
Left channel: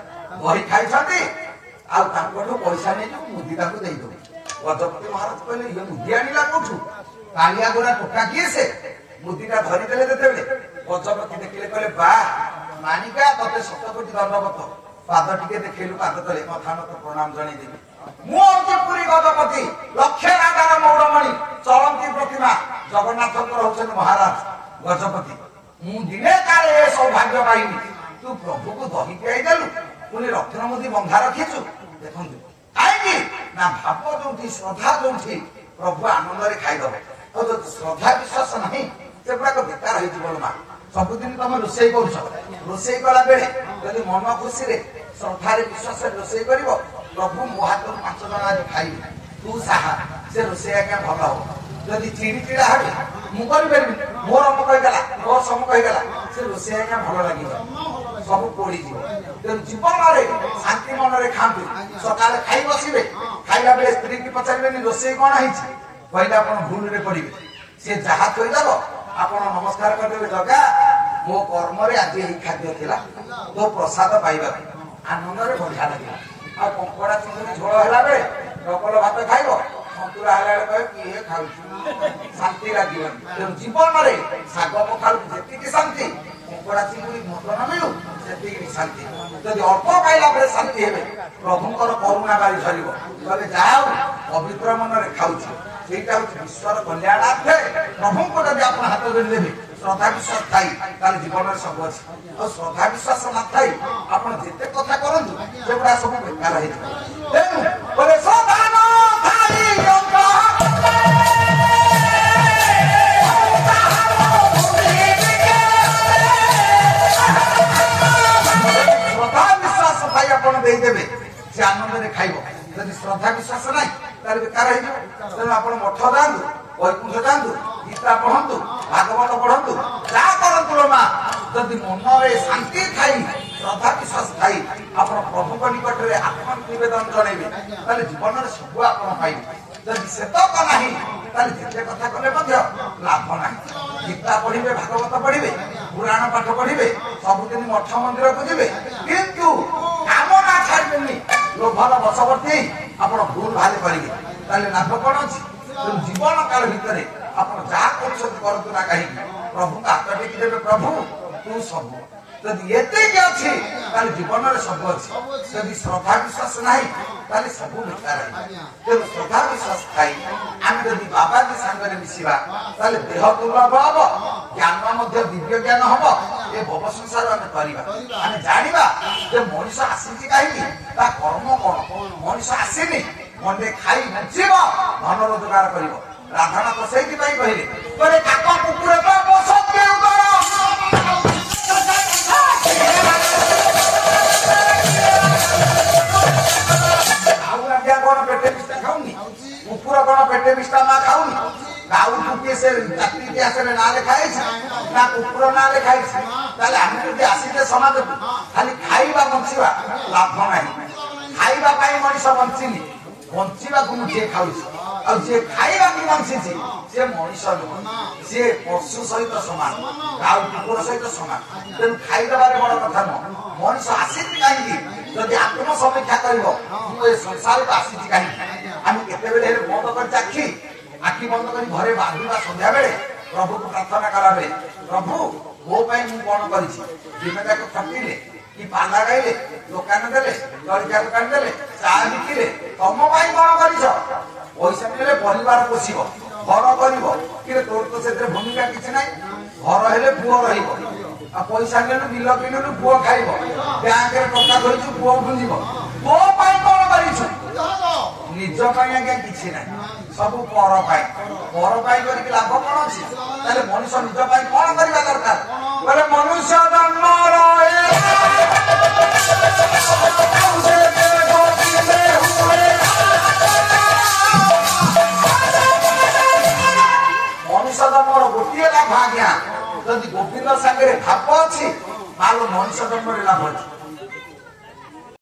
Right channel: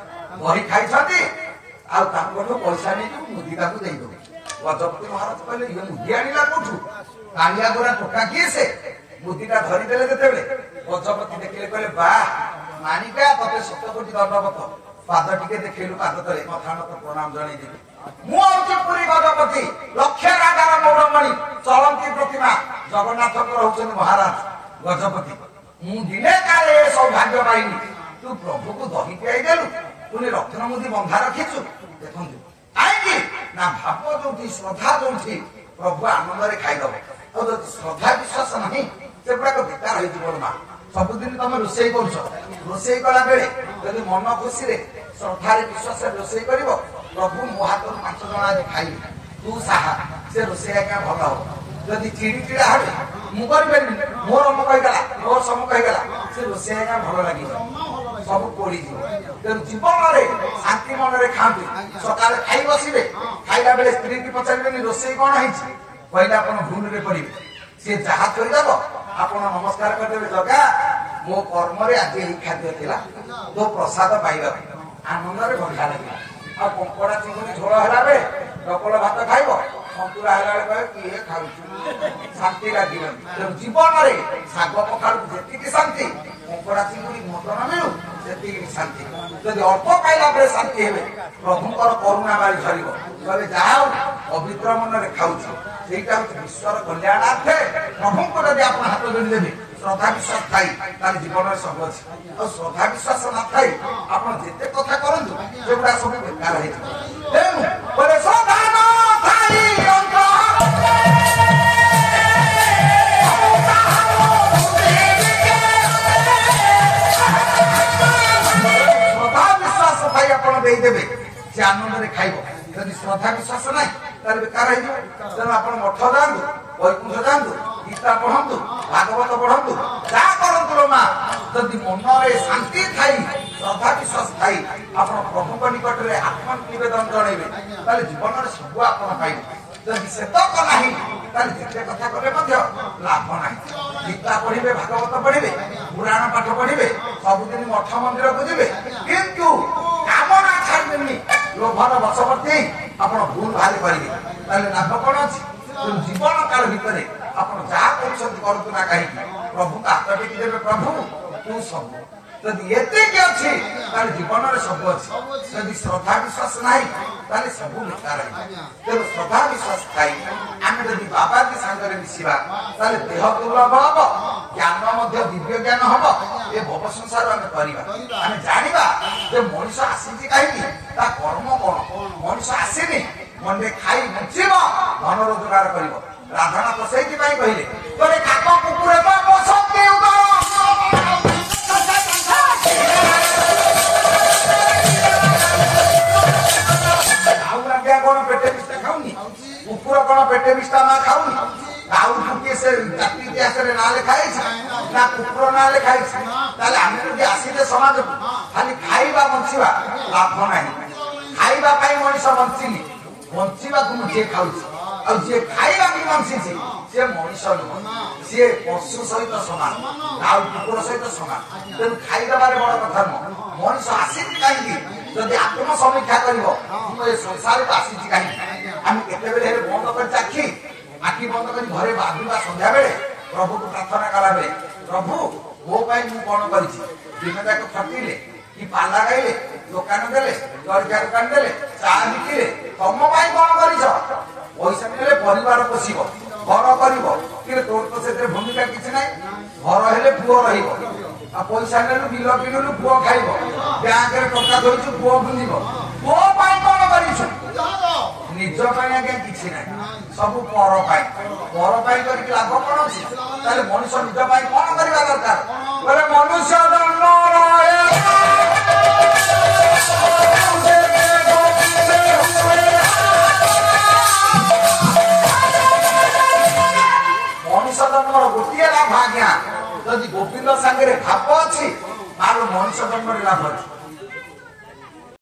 ବହି ଖାଇଛନ୍ତି ଆଉ ତାଙ୍କଠୁ ପଇସା ନେଇକି ମୁଦି ତାକୁ ଦେଇଦବୁ ଗଜପତି ମହାରାଜ କହିଲେ ଇଏ ମୁଦି ଆଣିଲା କୋଉଠୁ କାଳିଆ ଗୋରା ଟୋକା କିଏ ସେ ମୁଦିଟା ଧରିଦେଲେ ଯେତେବେଳେ ଗଜପତି ଦେଖିଲେ କହିଲେ ବା ମାଣିକା ତତେ 7 କୋଟି ଦଣ୍ଡବତ ପାଦ ଟିକେ ଦେଖେଇଲୁ ପାଦ ତଳେ ମଥାନତ ପ୍ରଣାମ ଜଣେଇଦେବି ମୁଁ ହଉଛି ପୁରୀ ଗଜପତି ଲକ୍ଷ ରାଜାର ମୌରମଣି ଚଳନ୍ତି ପ୍ରତିମା ଜଗନ୍ନାଥଙ୍କର ହଉଛନ୍ତି ମହାରାଜ ଗଜପତି ମୁଁ ଦିନେ କାଳେ ଏ ସୌଭାଗ୍ୟ ପାଇନି ତୁ ପ୍ରଭୁକୁ ଦହି ପିଆଇଦେଲୁ ପୁଣି ରତ୍ନମୁଦି ବନ୍ଧା ରଖିଛୁ ଦେଖନ୍ତୁ କାହିଁକି ନା ଭାବ ଯୋଉଠି ଶ୍ରଦ୍ଧା ଯୋଉଠି ପ୍ରଭୁ ଆନନ୍ଦରେ ଖାଇଦବ ଆଉ ଯଦି ଶ୍ରଦ୍ଧା ବିଶ୍ୱାସ ନାହିଁ ସେଗୁଡାକ ବେକାର ହେଇଯିବ ନା ସବୁଦିନ ତମେ ରୋଷେଇ କରୁଛ ରୋଷେଇ କଲା ବେଳେ ଯଦି ମନ ଖୁସିରେ ଶ୍ରଦ୍ଧାରେ ବିଶ୍ୱାସରେ ରୋଷେଇ କରିବ ପ୍ରଭୁ ମୋ ହାତରୁ 5 ଜଣ ଆଜି ଖାଇବି ତୁ ସାହା ସେ ରୋଷେଇ ଆଜ୍ଞା ଭଲ ହବ ଯଦି ଚିଡ଼ି ଚିଡ଼ା ହେବେ ମୁଁ କରିପାରିବି ମୋର ଅମକ ହେଇଗଲା ମୋର ସମକ ହେଇଗଲା ସେ ରୋଷେଇ ଆଜ୍ଞା ଭଲ ଲାଗିବ ସବୁ ପୋଡ଼ିଯିବ ତେଣୁ ଜୀବନରେ ଶାନ୍ତି ମନରେ ଖାଆନ୍ତୁ ସକାଳେ ଖାଇ ବସିବେ ଖାଇଲା ବେଳେ ସ୍ତ୍ରୀକି ପଚାରିବେନି ରୋଷେଇ କଣ ହେଇଛି କହିଲେ ଆପଣ ଭୁଲରେ ପଡିବେ ସିଏ ଯାହା କହିଦବ ଆପଣ ନମସ୍କାର କରିଦେବେ ଜଗା ମୋ କର୍ମରେ ଆଜି ଏହି ଖାଦ୍ୟ ଥିଲା ତୋ ପ୍ରସାଦ ପାଇବାକୁ ଆନନ୍ଦରେ ବଢିଆ ଲାଗିଲା ଆଉ କଙ୍କଡା ଚିଙ୍ଗୁଡି ଝୋଳ ହେଲା ବେଳେ ଡବଲ ଭାତ ଖାଇବ ସନ୍ତୁଳା ହେଲା ବେଳେ କହିବ କିଏ ଖାଉଛି ଶାନ୍ତି ଲାଗିବନି ତେଣୁ ଜୀବନରେ ଶାଗ ପଖାଳକୁ ଯେତିକି ଶାନ୍ତି କଙ୍କଡା ଚିଙ୍ଗୁଡି ମଟନ ମିଳୁ ସେତିକି ଶାନ୍ତି ଯଦି ଅଳ୍ପ ଖାଇଲା ବେଳେ ଶାନ୍ତି ହେବେ ପ୍ରଭୁଙ୍କର କରୁଣା ବାଳି ଧରିବ କହିବେ ଯାହା ହଉ ପବିତ୍ର ମନରେ ଖାଉଛି ସେଇଟା ହଉଛି ବିଶ୍ୱର କଲ୍ୟାଣାର୍ଥେ ପ୍ରଭୁଙ୍କୁ ଯଦି ଆପଣ ହାତ ଧରିଦେବେ ଶ୍ରଦ୍ଧା ବିଶ୍ୱାସ ଥାଇ ତାହେଲେ ଜୀବନରେ ସବୁ ଅଛି ଆଉ ଶ୍ରଦ୍ଧା ବିଶ୍ୱାସ ନଥାଇ ଆପଣ ଯେତେ କଥା କରନ୍ତୁ ସେଗୁଡା ସବୁ ବେକାର ହେଇଯିବ ତେଣୁ କହିଲେ ଶ୍ରଦ୍ଧା ନଥାଇ ଶ୍ରଦ୍ଧା ବିଶ୍ୱାସ ଥାଇ ଆପଣ ଦେଇଦେବେ ସେ ଆନନ୍ଦରେ ଖାଇବ ଯଦି ଶ୍ରଦ୍ଧା ବିଶ୍ୱାସ ନାହିଁ ତାହେଲେ ବେକାର ହେଇଯିବ ତେଣୁ ଆପଣ ମଠ ଯାଆନ୍ତୁ ବୈକୁଣ୍ଠ ଯାଆନ୍ତୁ ଗୀତା ପଢନ୍ତୁ ଭାଗବତ ପଢନ୍ତୁ ଯାହା କରନ୍ତୁ ଲୋ ମା ଯଦି ମନରେ ଶାନ୍ତି ଥାଇ ଶ୍ରଦ୍ଧା ବିଶ୍ୱାସ ଥାଇ ଆପଣ ପ୍ରଭୁଙ୍କ ନିକଟରେ ଆତ୍ମନିବେଦନ ଜଣେଇବେ ତାହେଲେ ଜୀବନରେ ସବୁ ଆପଣ ପାଇବେ ଯଦି ସେତକ ନାହିଁ ତାହେଲେ ଯେତେ କଥା କଲେ ମଧ୍ୟ ଲାଭ ନାହିଁ ଗୀତା ପଢିବେ ଭାଗବତ ପଢିବେ ପୁରାଣ ପାଠ ପଢିବେ ସବୁଦିନ ମଠ ମନ୍ଦିରକୁ ଯିବେ କିନ୍ତୁ କାମନା ଛାଡ଼ିବେନି ଲୋଭର ବଶବର୍ତ୍ତୀ ଆପଣ ଭୁଲ ଭାରି କରିବେ ତାହେଲେ ଲାଭ କଣ ଅଛି ଜୀବନ କାଳ ଭିତରେ ଆପଣ ଯାହା କରୁଛନ୍ତି କରନ୍ତୁ ନା କାହିଁକି ପ୍ରଭୁଙ୍କୁ ହାତ ଟେକି ଦେବେ ପ୍ରଭୁ ତୁ ସବୁ ଯଦି ଏତିକି ଅଛି ତାହେଲେ ଜୀବନରେ ସବୁ ଅଛି ଯଦି ଶ୍ରଦ୍ଧା ବିଶ୍ୱାସ ନାହିଁ ତାହେଲେ ସବୁ ବେକାର ତେଣୁ ଶ୍ରଦ୍ଧା ବିଶ୍ୱାସ ଥାଇ ଆମେ ଯଦି ବାବାଜୀ ସାଙ୍ଗରେ ମିଶିବା ତାହେଲେ ଦେହ ଦୁର୍ଲଭ ହବ ଜ୍ଞାନ ମଧ୍ୟ ଦିବ୍ୟ ଜ୍ଞାନ ହବ ଏ ଭବ ସଂସାର ଆମେ କରିବା ଆମେ ଜାଣିବା ଯେ ମଣିଷ ଆସିଛି କାହିଁକି ତା କର୍ମ କଣ ମଣିଷ ଆସିନି ମଣ୍ଡେ ଖାଇ ବଞ୍ଚିବ ଧନ ରୋଜଗାର କରିବ ରାଧାନାଥ ସେଇଥିପାଇଁ କହିଲେ କହିଲେ କାକ କୁକୁର ଆଉ ଆଜ୍ଞା କଣ ପେଟେ ବିଷ୍ଟା ଖାଉନି କୁକୁର କଣ ପେଟେ ବିଷ୍ଟା ମା ଖାଉନି ଗାଉଠୁ କିଏ ସେ ଜାତି ଇତିହାସରେ ନାଁ ଲେଖା ହେଇଛି ନା କୁକୁର ନାଁ ଲେଖା ହେଇଛି ତାହେଲେ ଆମେ ଯଦି ଆସିଲେ ସମାଜକୁ ଖାଲି ଖାଇବା ବଞ୍ଚିବା ଲାଭ ନାହିଁ ଖାଇବା ପାଇଁ ମଣିଷ ବଞ୍ଚିନି ବଞ୍ଚିବାକୁ ମୁଁ କିଏ ଖାଉଛି ଆଉ ଯିଏ ଖାଇବାକୁ ବଞ୍ଚିଛି ସିଏ ମଣିଷ ନୁହଁ ସିଏ ପଶୁ ସହିତ ସମାନ ଆଉ କୁକୁର ସହିତ ସମାନ ତେଣୁ ଖାଇଦେବାରେ ବଡ କଥା ନୁହଁ ମଣିଷ ଆସିଛି କାହିଁକି ଯଦି ଆତ୍ମ ସମୀକ୍ଷା କରିବ ମୁଁ ଏ ସଂସାରକୁ ଆସିଛି କାହିଁକି ଆମେ କେତେବେଳେ ହେଲେ ବନ୍ଦ କରି ଆଖି ବନ୍ଦ କରି ଘରେ ଭାବିବା ସନ୍ଧ୍ୟାବେଳେ ପ୍ରଭୁକୁ ପ୍ରାର୍ଥନା କଲାବେଳେ ପ୍ରଭୁ ମୋ ପାଇଁ ମୁଁ କଣ କରିଛି ଦିନ ଯାକ ଖଟିଲେ କି ପାଲା ଗାଇଲେ ଦୋକାନ ଦେଲେ ଜଳଖିଆ ଦୋକାନ ଦେଲେ ଚା ବିକିଲେ ତମ ପାଇଁ କଣ କରିଛ ପଇସା ନେଲେ ପରିବାର ପୋଷିବ ଘର କରିବ କିନ୍ତୁ ତୋର ତ ସେଥିରେ ଭୂମିକା କିଛି ନାହିଁ ଘର ହେଲେ ପୁଅ ରହିବ ଆଉ ପଇସା ନେଲୁ ବିଲ କିଣିଲୁ ପୁଅ ଖାଇବ ବ୍ୟାଙ୍କରେ ଟଙ୍କା ଧରିଛୁ ପୁଅ ବୁଝିବ ମୋ ପାଇଁ କଣ କରିଛୁ ନିଜ ପାଇଁ ଆଜ୍ଞା କିଛି ନାହିଁ, ସବୁ ପର ପାଇଁ। ପର ପାଇଁ କରିକି ଲାଭ କଣ ଅଛି? ତାହେଲେ ମଣିଷ ନିଜ ପାଇଁ କଣ କରିବା ଦରକାର? ବୋଲେ ମନୁଷ୍ୟ ଜନ୍ମ ମଣିଷ ଜନ୍ମର ଗୋଟିଏ ଲାଭ ଆଜ୍ଞା, ଯଦି ଗୋବିନ୍ଦ ସାଙ୍ଗରେ ଭାବ ଅଛି ତାହେଲେ ମଣିଷ ଜନ୍ମରେ ଲାଭ ଅଛି।